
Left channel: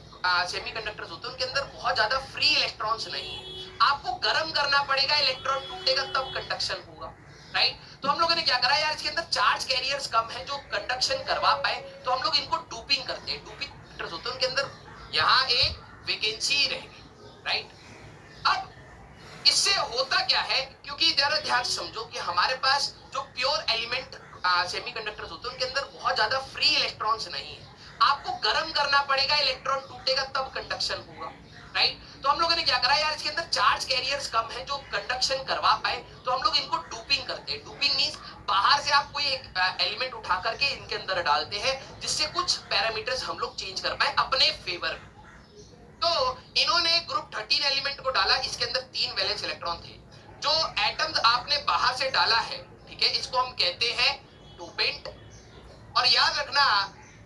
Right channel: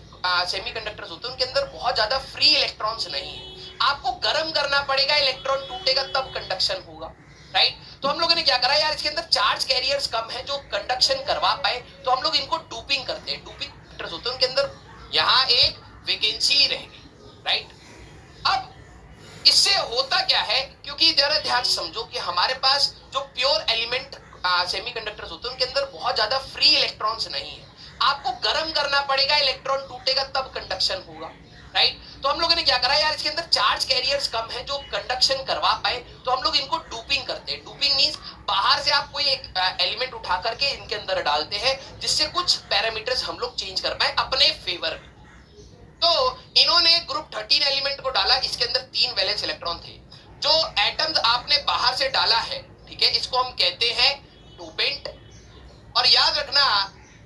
सेमीकंडक्टर्स होते हैं उनके अंदर बहुत ज्यादा फ्री इलेक्ट्रॉन्स नहीं है, आपको गर्म करना पड़ेगा, इलेक्ट्रॉन टूटेगा तब कंडक्शन होगा, राइट। तो हम लोगों ने क्या करा यार, इसके अंदर चार्ज कैरियर्स कम है जो कंडक्शन करवा पाए, तो हम लोग इनको डूपिंग करते हैं, डूपिंग होते हैं उनके अंदर, यहां एक वैकेंसी रहेगी, राइट। अब इससे होता क्या है, क्योंकि जरा ध्यान से समझो कि हमारे पास जो प्योर एलिमेंट सेमीकंडक्टर्स होते हैं उनके अंदर बहुत ज्यादा फ्री इलेक्ट्रॉन्स नहीं है, आपको गर्म करना पड़ेगा, इलेक्ट्रॉन टूटेगा तब कंडक्शन होगा, राइट। तो हम लोगों ने क्या करा यार, इसके अंदर चार्ज कैरियर्स कम है जो कंडक्शन करवा पाए, तो हम लोग इनको डूपिंग करते हैं। डूपिंग मींस बाहर से आप कोई एक एलिमेंट उठा करके इनके अंदर डालते हैं जिससे कुछ पैरामीटर्स हम लोग चेंज कर पाए अपने फेवर में। तो इन्होंने ग्रुप 13 एलिमेंट को डाला, इसके अंदर 3 वैलेंस इलेक्ट्रॉन थे, जो एटम्स आपने बाहर से डाला है, ठीक है, इसको हम कहते हैं डोपेंट। और याद रखना,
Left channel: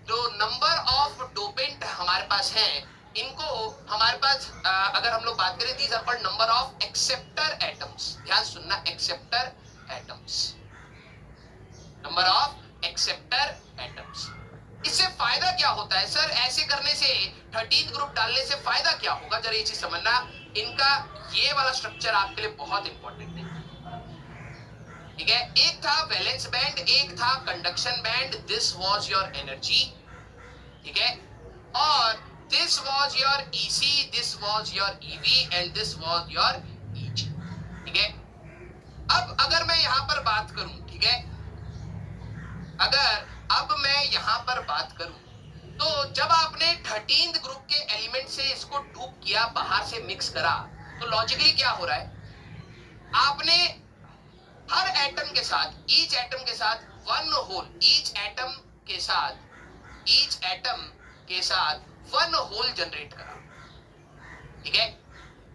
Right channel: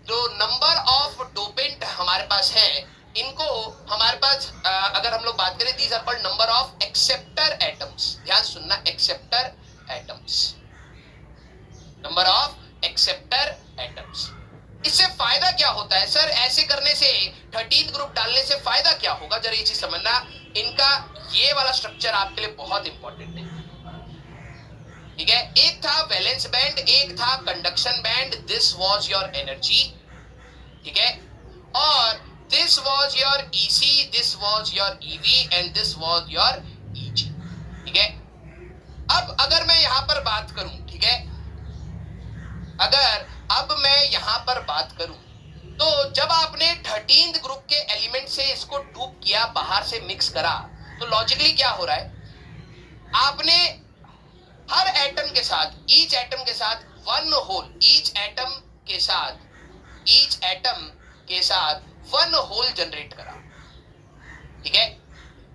जो नंबर ऑफ डोपेंट हमारे पास है, इनको हमारे पास अगर हम लोग बात करें, these are called number of acceptor atoms, ध्यान सुनना, acceptor atoms, number of acceptor atoms. इससे फायदा क्या होता है सर, ऐसे करने से 13 ग्रुप डालने से फायदा क्या होगा, जरा ये चीज समझना, इनका ये वाला स्ट्रक्चर आपके लिए बहुत इंपॉर्टेंट है, ठीक है। एक था वैलेंस बैंड, एक था conduction band, this was your energy, ठीक है, और this was your EC, this was your EV and this was your EG, ठीक है। अब अगर मैं यहां पर बात करूं, ठीक है, अगर अब मैं यहां पर बात करूं, तो जब आपने 13th ग्रुप के एलिमेंट से इसको डूप किया, बाहर से मिक्स करा, तो लॉजिकली क्या हो रहा है, आपने हर एटम के साथ, ईच एटम के साथ वन होल, ईच एटम के साथ, ईच एटम के साथ वन होल जनरेट करा, ठीक है।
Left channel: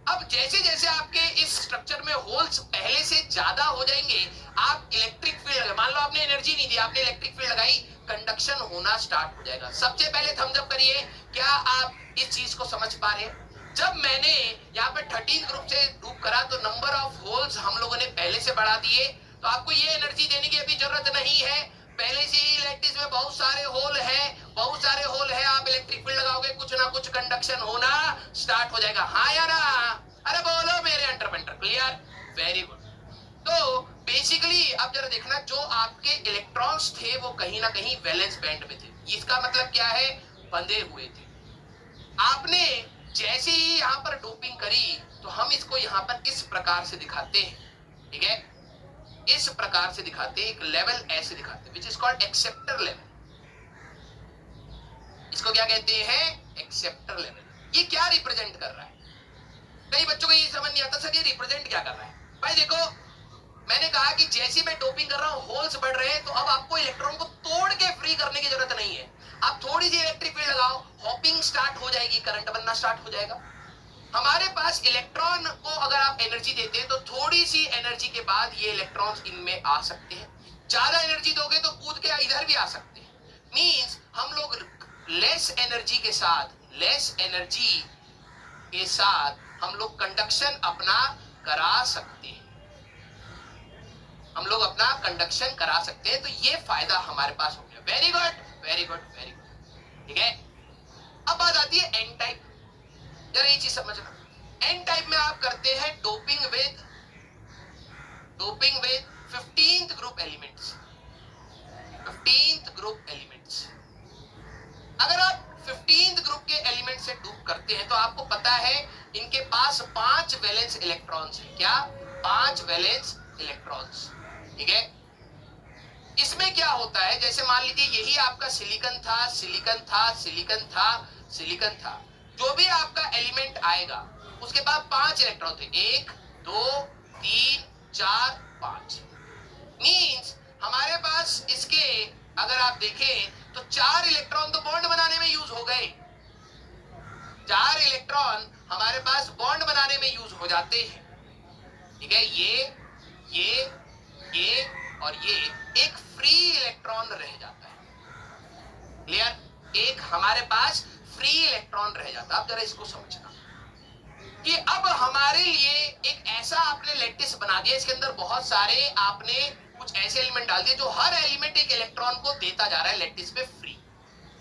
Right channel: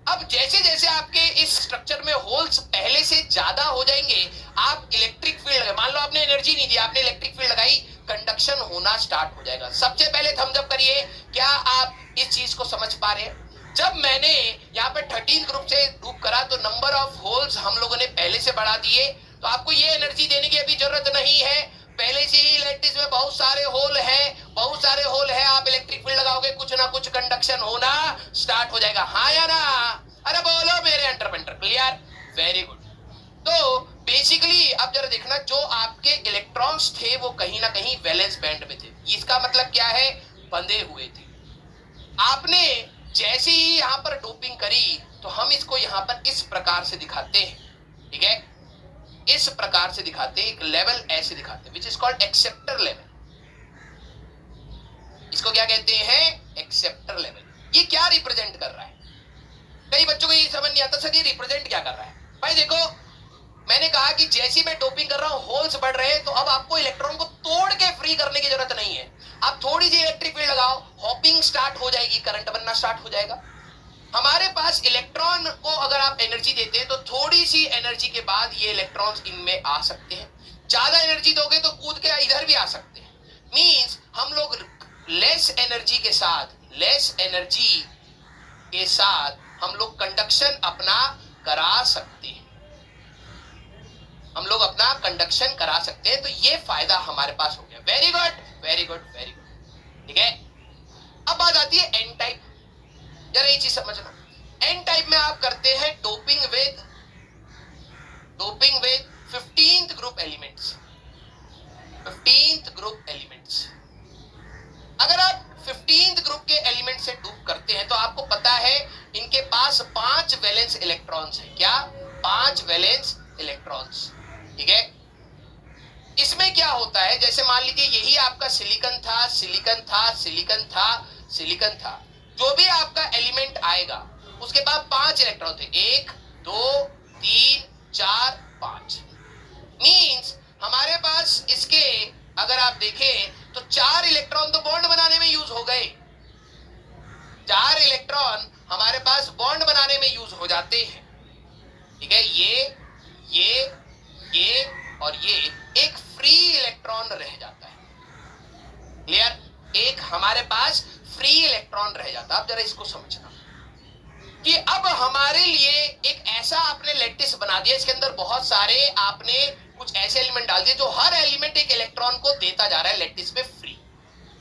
अब जैसे जैसे आपके इस स्ट्रक्चर में होल्स पहले से ज्यादा हो जाएंगे, आप इलेक्ट्रिक फील्ड, मान लो आपने एनर्जी नहीं दी, आपने इलेक्ट्रिक फील्ड लगाई, कंडक्शन होना स्टार्ट हो जाएगा। सबसे पहले थम्स अप करिए, क्या आप इस चीज को समझ पा रहे हैं। जब मैंने यहाँ पे 13 ग्रुप से डूप करा, तो नंबर ऑफ होल्स हम लोगों ने पहले से बढ़ा दिए, तो आपको ये एनर्जी देने की अभी जरूरत नहीं है, पहले से ही लैटिस में बहुत सारे होल हैं, बहुत सारे होल हैं, आप इलेक्ट्रिक फील्ड लगाओगे, कुछ ना कुछ कंडक्शन होना स्टार्ट हो जाएगा, हाँ या ना। अरे बोलो मेरे एंटरप्रेन्योर, क्लियर, वेरी गुड। तो बेसिकली अब जरा देखना, जो आपके इलेक्ट्रॉन्स थे वो कहीं ना कहीं वैलेंस बैंड में थे, इसका मतलब क्या है, बंधे हुए थे। आपने जैसे ही यहाँ पर डोपिंग करी, तो हम इसको यहाँ पर इस प्रकार से दिखाते हैं, ठीक है, इस प्रकार से दिखाते हैं, एक लेवल ऐसे दिखाते हैं, which is called acceptor level. इसको क्या कहते हैं, एक्सेप्टर लेवल। ये क्या रिप्रेजेंट कर रहा है, कई बच्चों को ये समझ नहीं आता सर ये रिप्रेजेंट क्या कर रहा है। भाई देखो, मैंने कहा कि जैसी मैं डोपिंग कर रहा हूं, होल्स बढ़ रहे हैं, तो अब आपको इलेक्ट्रॉन को तोड़ के फ्री करने की जरूरत नहीं है, आप थोड़ी सी इलेक्ट्रिक फील्ड लगाओ, हॉपिंग स्टार्ट हो जाएगी, करंट बनना स्टार्ट हो जाएगा। हमारे पास इलेक्ट्रॉन को अगर आप एनर्जी देते हैं, तो थोड़ी सी एनर्जी के बाद ये इलेक्ट्रॉन्स इनमें आ सकते हैं, ज्यादा एनर्जी दोगे तो कूद के इधर भी आ सकते हैं। मींस हम लोग लेस एनर्जी के साथ, लेस एनर्जी के साथ हम लोग कंडक्शन अपना करा सकते हैं, हम लोग अपना कंडक्शन करा सकते हैं, तो ये फायदा हमारे पास हो गया। Very good, very good, very good, ठीक है। अब बात आती है एन टाइप, जरा ये चीज समझना, एन टाइप में आप करते हैं doping with 15th group elements, 15th group elements. अगर आप पास 5 वैलेंस इलेक्ट्रॉन्स है। क्या? 5 वैलेंस इलेक्ट्रॉन्स। ठीक है, इसमें क्या होता है, जैसे मान लीजिए यही आपका सिलिकॉन था, सिलिकॉन था, सिलिकॉन था, सिलिकॉन था, जो भी आपका एलिमेंट आएगा उसके बाद 5 इलेक्ट्रॉन थे, 1 2 3 4 5। मींस हमारे पास इसके अगर आप देखें तो 4 इलेक्ट्रॉन तो बॉन्ड बनाने में यूज हो गए। 4 इलेक्ट्रॉन हमारे पास बॉन्ड बनाने में यूज हो जाते हैं। ठीक है, ये और ये एक फ्री इलेक्ट्रॉन रह जाता है। क्लियर? एक हमारे पास फ्री इलेक्ट्रॉन रह जाता है। अब जरा इसको समझना कि अब हमारे लिए एक ऐसा आपने लैटिस बना दिया, इसके अंदर बहुत सारे आपने कुछ ऐसे एलिमेंट डाल दिए जो हर एलिमेंट एक इलेक्ट्रॉन को देता जा रहा है लैटिस पे फ्री,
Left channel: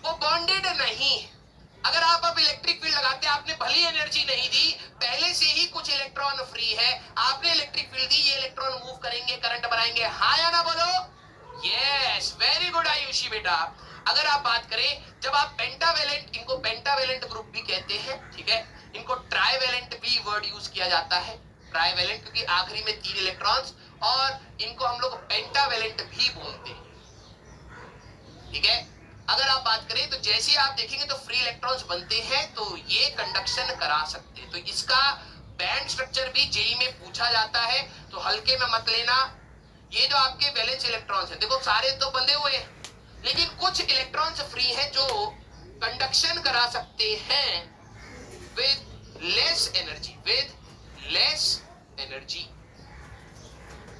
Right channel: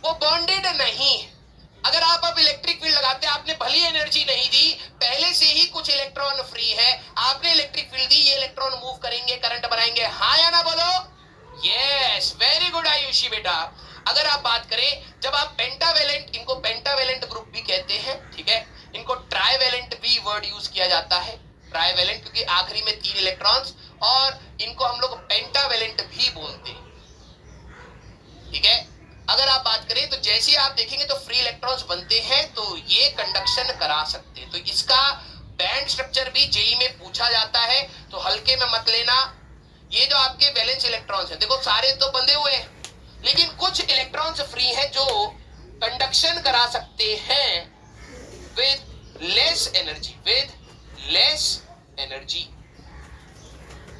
वो बॉन्डेड नहीं है। अगर आप अब इलेक्ट्रिक फील्ड लगाते हैं, आपने भली एनर्जी नहीं दी, पहले से ही कुछ इलेक्ट्रॉन फ्री है, आपने इलेक्ट्रिक फील्ड दी, ये इलेक्ट्रॉन मूव करेंगे, करंट बनाएंगे। हाँ या ना बोलो? यस, वेरी गुड आयुषी बेटा। अगर आप बात करें, जब आप पेंटावेलेंट, इनको पेंटावेलेंट ग्रुप भी कहते हैं, ठीक है, इनको ट्राइवेलेंट भी वर्ड यूज किया जाता है, ट्राइवेलेंट, क्योंकि आखिरी में 3 इलेक्ट्रॉन्स, और इनको हम लोग पेंटावेलेंट भी बोलते हैं। ठीक है, अगर आप बात करें तो जैसे आप देखेंगे तो फ्री इलेक्ट्रॉन्स बनते हैं तो ये कंडक्शन करा सकते हैं। तो इसका बैंड स्ट्रक्चर भी जेई में पूछा जाता है, तो हल्के में मत लेना। ये जो आपके वैलेंस इलेक्ट्रॉन्स हैं, देखो सारे तो बंधे हुए हैं, लेकिन कुछ इलेक्ट्रॉन्स फ्री हैं जो कंडक्शन करा सकते हैं with less energy, with less energy.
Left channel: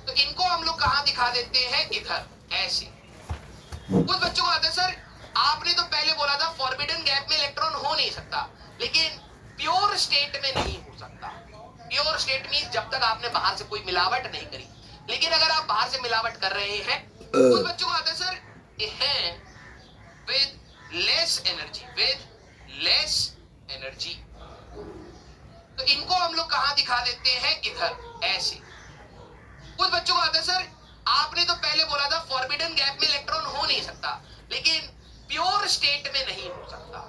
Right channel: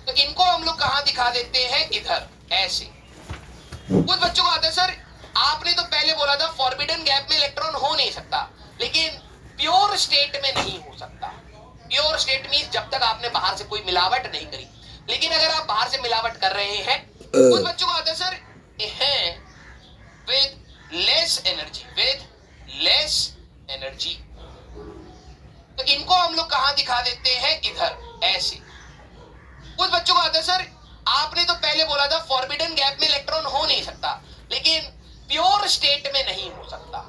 तो इनको हम लोग कहां दिखा देते हैं? इधर, ऐसे। कुछ बच्चों को आता है सर, आपने तो पहले बोला था फॉरबिडन गैप में इलेक्ट्रॉन हो नहीं सकता, लेकिन प्योर स्टेट में नहीं हो सकता। प्योर स्टेट मींस जब तक आपने बाहर से कोई मिलावट नहीं करी। लेकिन अगर आप बाहर से मिलावट कर रहे हैं, कुछ बच्चों को आता है सर है with less energy, with less energy. तो इनको हम लोग कहां दिखा देते हैं? इधर, ऐसे। कुछ बच्चों को आता है सर, आपने तो पहले बोला था फॉरबिडन गैप में इलेक्ट्रॉन हो नहीं सकता, लेकिन प्योर स्टेट में नहीं हो सकता।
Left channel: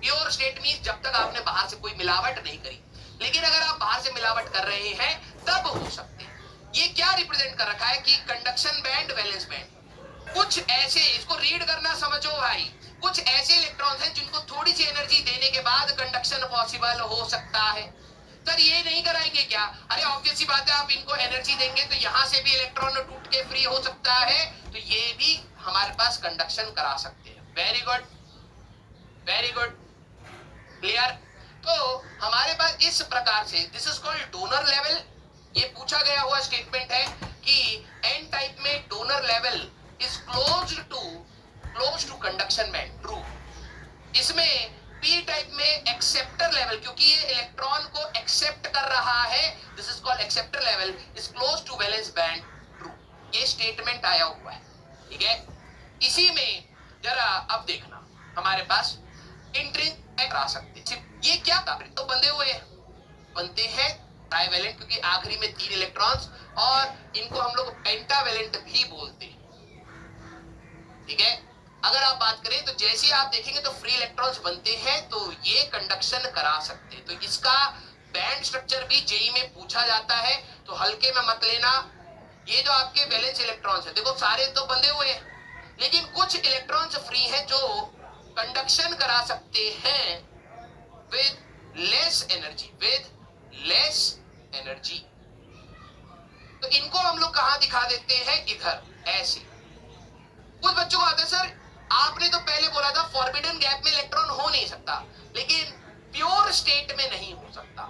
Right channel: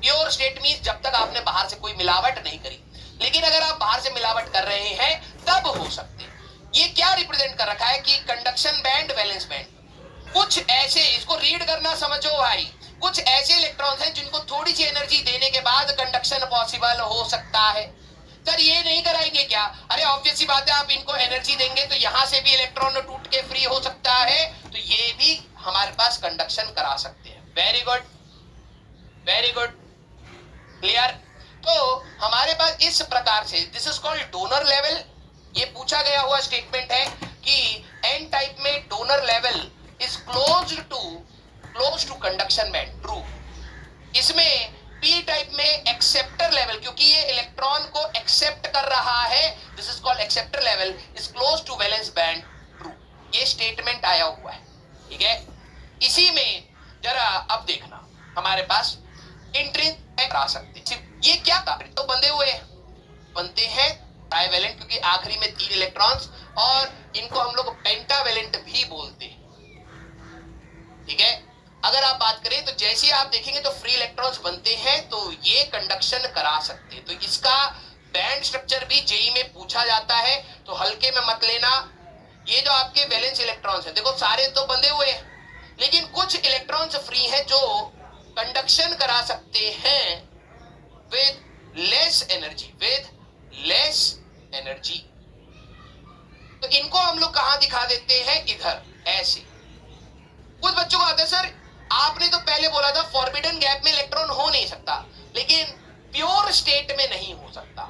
प्योर स्टेट मींस जब तक आपने बाहर से कोई मिलावट नहीं करी। लेकिन अगर आप बाहर से मिलावट कर रहे हैं तब हो सकते। ये क्या रिप्रेजेंट कर रखा है कि कंडक्शन बैंड, वैलेंस बैंड। कुछ ऐसे, इसको रीड करना समझो भाई, कुछ ऐसे इलेक्ट्रॉन्स हैं जिनको थोड़ी सी एनर्जी देने के बाद कंडक्शन पॉसिबल हो सकता है। सर ये नहीं कराएंगे क्या? अरे ऑब्वियस सी बात है, आप इनको एनर्जी देंगे तो यहां से भी इलेक्ट्रॉन टूट के फ्री हो सकता है, तो ये भी हमारे पास कंडक्शन करा सकते हैं। Very good, very good, clear. तो हमारे पास इस प्रकार से, this is called donor level. ये पूछा गया हुआ स्टेटमेंट है कि एन टाइप में donor level is close to conduction band, true. इसमें पी टाइप में एक्सेप्टर लेवल, क्योंकि ये इलेक्ट्रॉन को एक्सेप्ट कर रहा है, this is called acceptor level is close to valence band, true. ये स्टेटमेंट आया हुआ है, ठीक है। इसी में जरा अब देखना, हमारे पास इंट्रिंसिक आ सकते। ये क्या था? तो बंधे हुए बनते हैं ट्राइवेलेंट, क्योंकि आखिरी में 3 इलेक्ट्रॉन्स, और इनको हम लोग पेंटावेलेंट भी बोलते हैं। ठीक है, अगर आप बात करें तो जैसे ही आप देखेंगे तो फ्री इलेक्ट्रॉन्स बनते हैं तो ये कंडक्शन करा सकते हैं। तो इसका बैंड स्ट्रक्चर भी जेई में पूछा जाता है, तो हल्के में मत लेना। ये जो आपके वैलेंस इलेक्ट्रॉन्स हैं, देखो सारे तो बंधे हुए हैं, लेकिन कुछ इलेक्ट्रॉन्स फ्री हैं जो कंडक्शन करा सकते हैं with less energy, with less energy. तो इनको हम लोग कहां दिखा देते हैं? इधर, ऐसे। कुछ बच्चों को आता है सर, आपने तो पहले बोला था फॉरबिडन गैप में इलेक्ट्रॉन हो नहीं सकता, लेकिन प्योर स्टेट में नहीं हो सकता।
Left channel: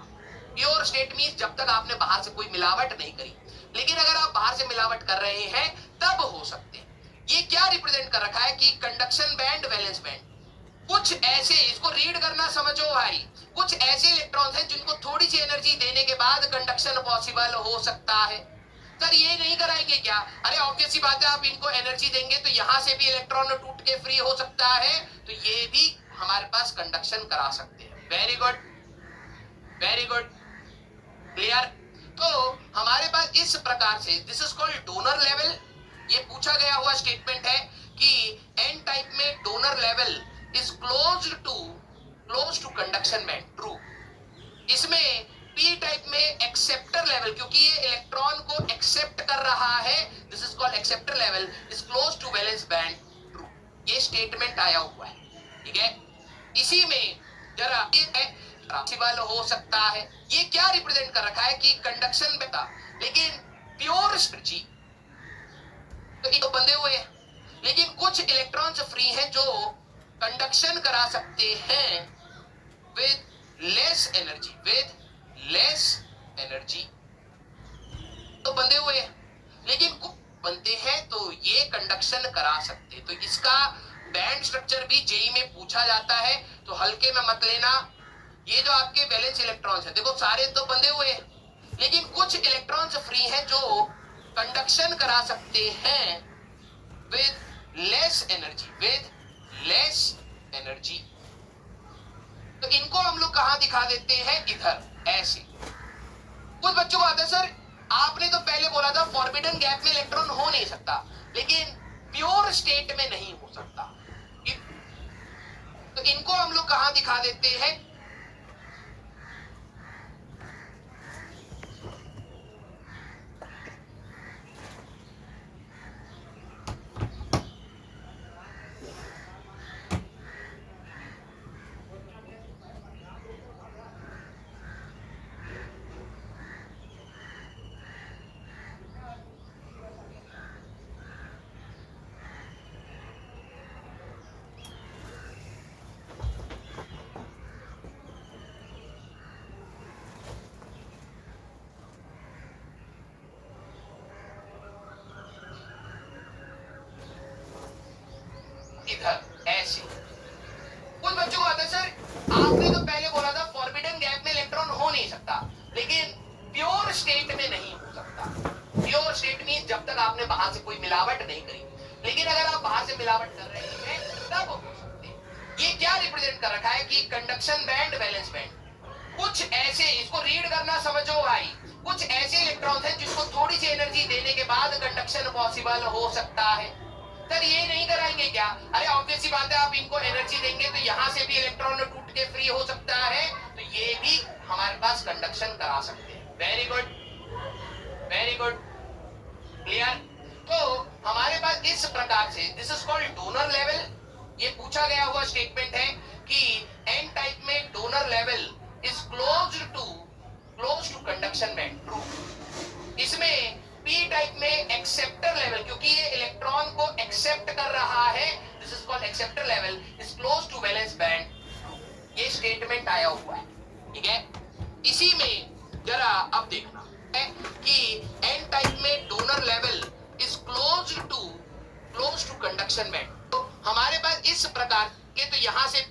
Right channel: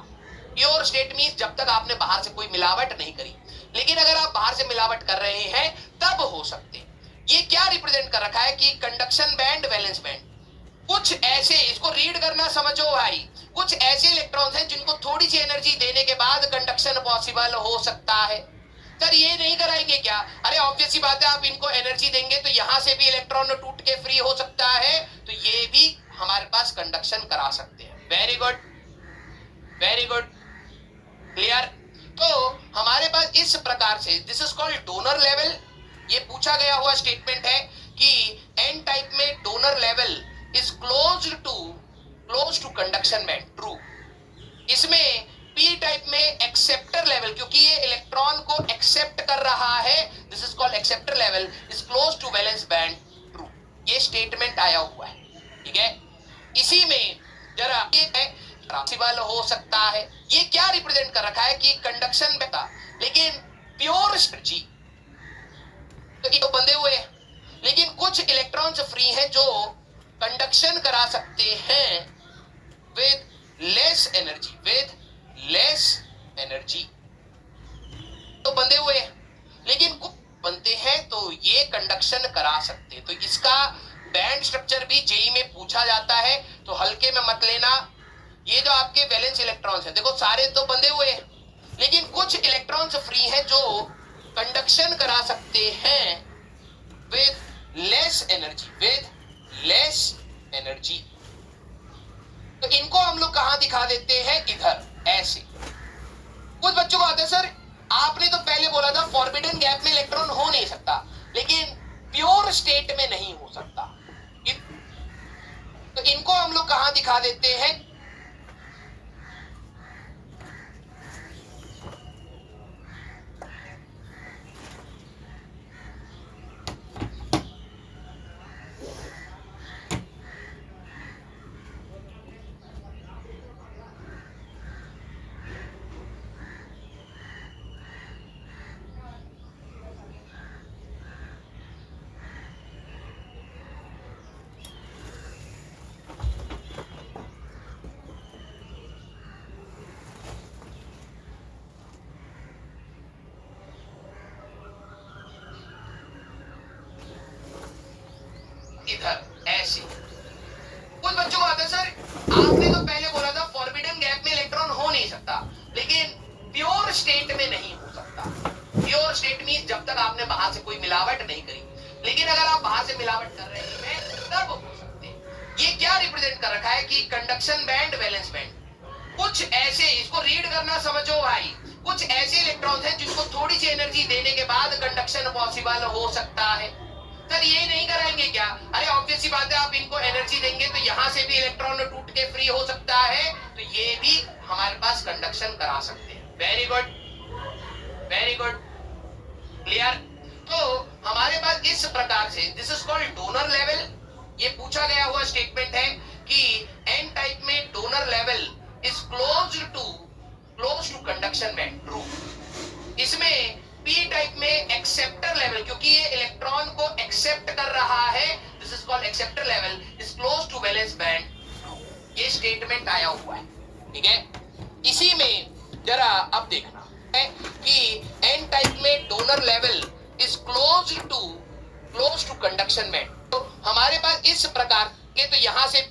प्योर स्टेट मींस जब तक आपने बाहर से कोई मिलावट नहीं करी। लेकिन अगर आप बाहर से मिलावट कर रहे हैं तब हो सकते। ये क्या रिप्रेजेंट कर रखा है कि कंडक्शन बैंड, वैलेंस बैंड। कुछ ऐसे, इसको रीड करना समझो भाई, कुछ ऐसे इलेक्ट्रॉन्स हैं जिनको थोड़ी सी एनर्जी देने के बाद कंडक्शन पॉसिबल हो सकता है। सर ये नहीं कराएंगे क्या? अरे ऑब्वियस सी बात है, आप इनको एनर्जी देंगे तो यहां से भी इलेक्ट्रॉन टूट के फ्री हो सकता है, तो ये भी हमारे पास कंडक्शन करा सकते हैं। Very good, very good, clear. तो हमारे पास इस प्रकार से, this is called donor level. ये पूछा गया हुआ स्टेटमेंट है कि एन टाइप में donor level is close to conduction band, true. इसमें पी लेवल, क्योंकि ये इलेक्ट्रॉन को एक्सेप्ट कर रहा है, this is called acceptor level, is close to valence band, true. ये स्टेटमेंट आया हुआ है, ठीक है। इसी में जरा पॉसिबल हो सकता है, ये क्या रिप्रेजेंट कर रखा है कि कंडक्शन बेटा, लेकिन प्योर एनर्जी तो ये तो बंधे हुए हैं, लेकिन कुछ इलेक्ट्रॉन्स फ्री हैं जो कंडक्शन करा सकते हैं with less energy, with less energy, तो बंधे हुए हैं, लेकिन कुछ बनते हैं तो ये कंडक्शन करा सकते हैं। तो इसका बैंड स्ट्रक्चर भी जेई में पूछा जाता है, तो हल्के में मत लेना। ये जो आपके वैलेंस इलेक्ट्रॉन्स हैं, देखो सारे तो बंधे हुए हैं, लेकिन कुछ इलेक्ट्रॉन्स फ्री हैं जो कंडक्शन करा सकते हैं with less energy, with less energy. तो इनको हम लोग कहां दिखा देते हैं, इधर ऐसे। कुछ बच्चों को आता है सर आपने तो पहले बोला था फॉरबिडन गैप में इलेक्ट्रॉन हो नहीं सकता, लेकिन प्योर स्टेट में नहीं हो सकता। तो इनको हम लोग कहां दिखा देते हैं, इधर ऐसे। कुछ बच्चों को आता है सर आपने तो पहले बोला था फॉरबिडन गैप में इलेक्ट्रॉन हो नहीं सकता, लेकिन प्योर स्टेट में नहीं हो सकता। प्योर स्टेट मींस जब तक आपने बाहर से कोई मिलावट नहीं करी, लेकिन अगर आप बाहर से मिलावट कर रहे हैं तब हो सकते हैं। ये क्या रिप्रेजेंट कर रखा है कि कंडक्शन बैंड, वैलेंस बैंड, कुछ ऐसे, इसको रीड करना समझो भाई, कुछ ऐसे इलेक्ट्रॉन्स हैं जिनको थोड़ी सी एनर्जी देने के बाद कंडक्शन पॉसिबल हो सकता है। सर ये नहीं कराएंगे क्या, अरे ऑब्वियस सी बात है, आप इनको एनर्जी देंगे तो यहां से भी इलेक्ट्रॉन टूट के फ्री हो सकता है, तो ये भी हमारे पास कंडक्शन करा सकते हैं। Very good, very good, clear. तो हमारे पास इस प्रकार से, this is called donor level. ये पूछा गया हुआ स्टेटमेंट है कि एन टाइप में donor level is close to conduction band, true. इसमें पी टाइप में एक्सेप्टर लेवल, क्योंकि ये इलेक्ट्रॉन को एक्सेप्ट कर रहा है, this is called acceptor level, is close to valence band. ये स्टेटमेंट आया हुआ है, ठीक है। इसी में जरा अब देखना है कि एन टाइप में donor level is close to conduction band. तो हमारे पास इस प्रकार के, तो यहां से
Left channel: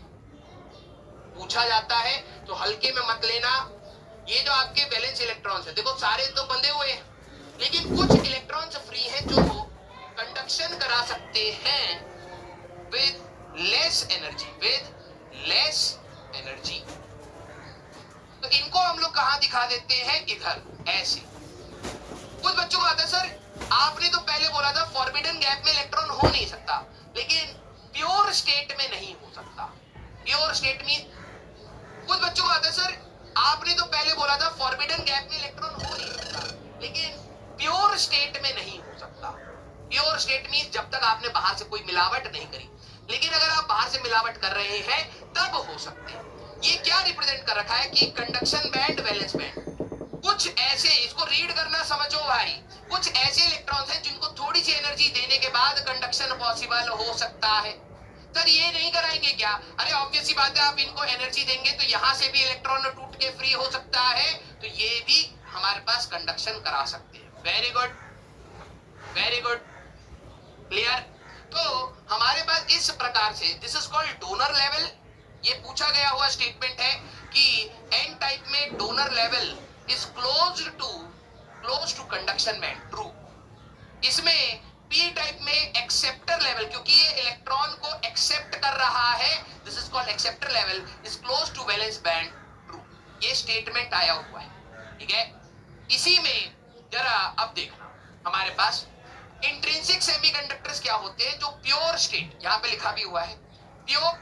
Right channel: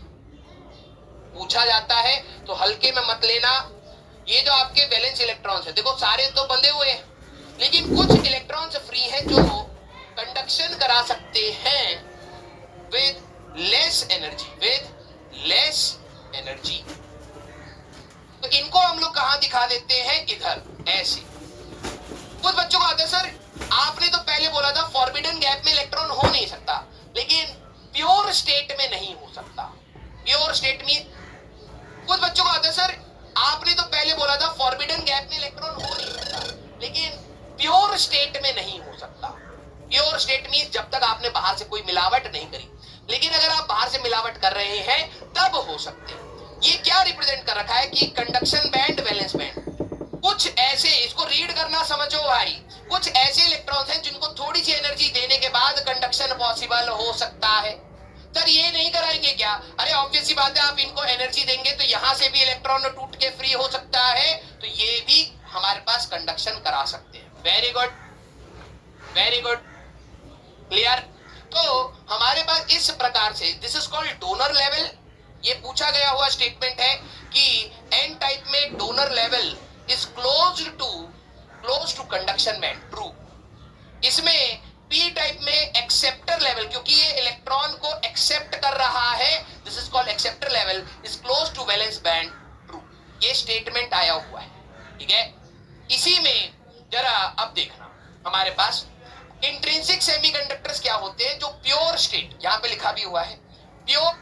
पूछा जाता है, तो हल्के में मत लेना। ये जो आपके वैलेंस इलेक्ट्रॉन्स है, देखो सारे तो बंधे हुए हैं, लेकिन कुछ इलेक्ट्रॉन्स फ्री हैं जो कंडक्शन करा सकते हैं with less energy, with less energy. तो इनको हम लोग कहां दिखा देते हैं, इधर ऐसे। कुछ बच्चों को आता है सर आपने तो पहले बोला था फॉरबिडन गैप में इलेक्ट्रॉन हो नहीं सकता, लेकिन प्योर स्टेट में नहीं हो सकता। प्योर स्टेट में कुछ बच्चों को आता है सर आपने तो पहले बोला था फॉरबिडन गैप में इलेक्ट्रॉन हो नहीं सकता, लेकिन प्योर स्टेट में नहीं हो सकता। प्योर स्टेट मींस जब तक आपने बाहर से कोई मिलावट नहीं करी, लेकिन अगर आप बाहर से मिलावट कर रहे हैं तब हो सकते हैं। ये क्या रिप्रेजेंट कर रखा है कि कंडक्शन बैंड, वैलेंस बैंड, कुछ ऐसे, इसको रीड करना समझो भाई, कुछ ऐसे इलेक्ट्रॉन्स हैं जिनको थोड़ी सी एनर्जी देने के बाद कंडक्शन पॉसिबल हो सकता है। सर ये नहीं कराएंगे क्या, अरे ऑब्वियस सी बात है, आप इनको एनर्जी देंगे तो यहां से भी इलेक्ट्रॉन टूट के फ्री हो सकता है, तो ये भी हमारे पास कंडक्शन करा सकते हैं। Very good, very good, clear. तो हमारे पास इस प्रकार से, this is called donor level. ये पूछा गया हुआ स्टेटमेंट है कि एन टाइप में donor level is close to conduction band, true. इसमें पी टाइप में एक्सेप्टर लेवल, क्योंकि ये इलेक्ट्रॉन को एक्सेप्ट कर रहा है, this is called acceptor level, is close to valence band, true. ये स्टेटमेंट आया हुआ है, ठीक है। इसी में जरा अब देखना, हमारे पास इंट्रिंसिक सेमीकंडक्टर्स क्या होते हैं, जो प्योर स्टेट, यहां पे लिखा भी हुआ है, प्योर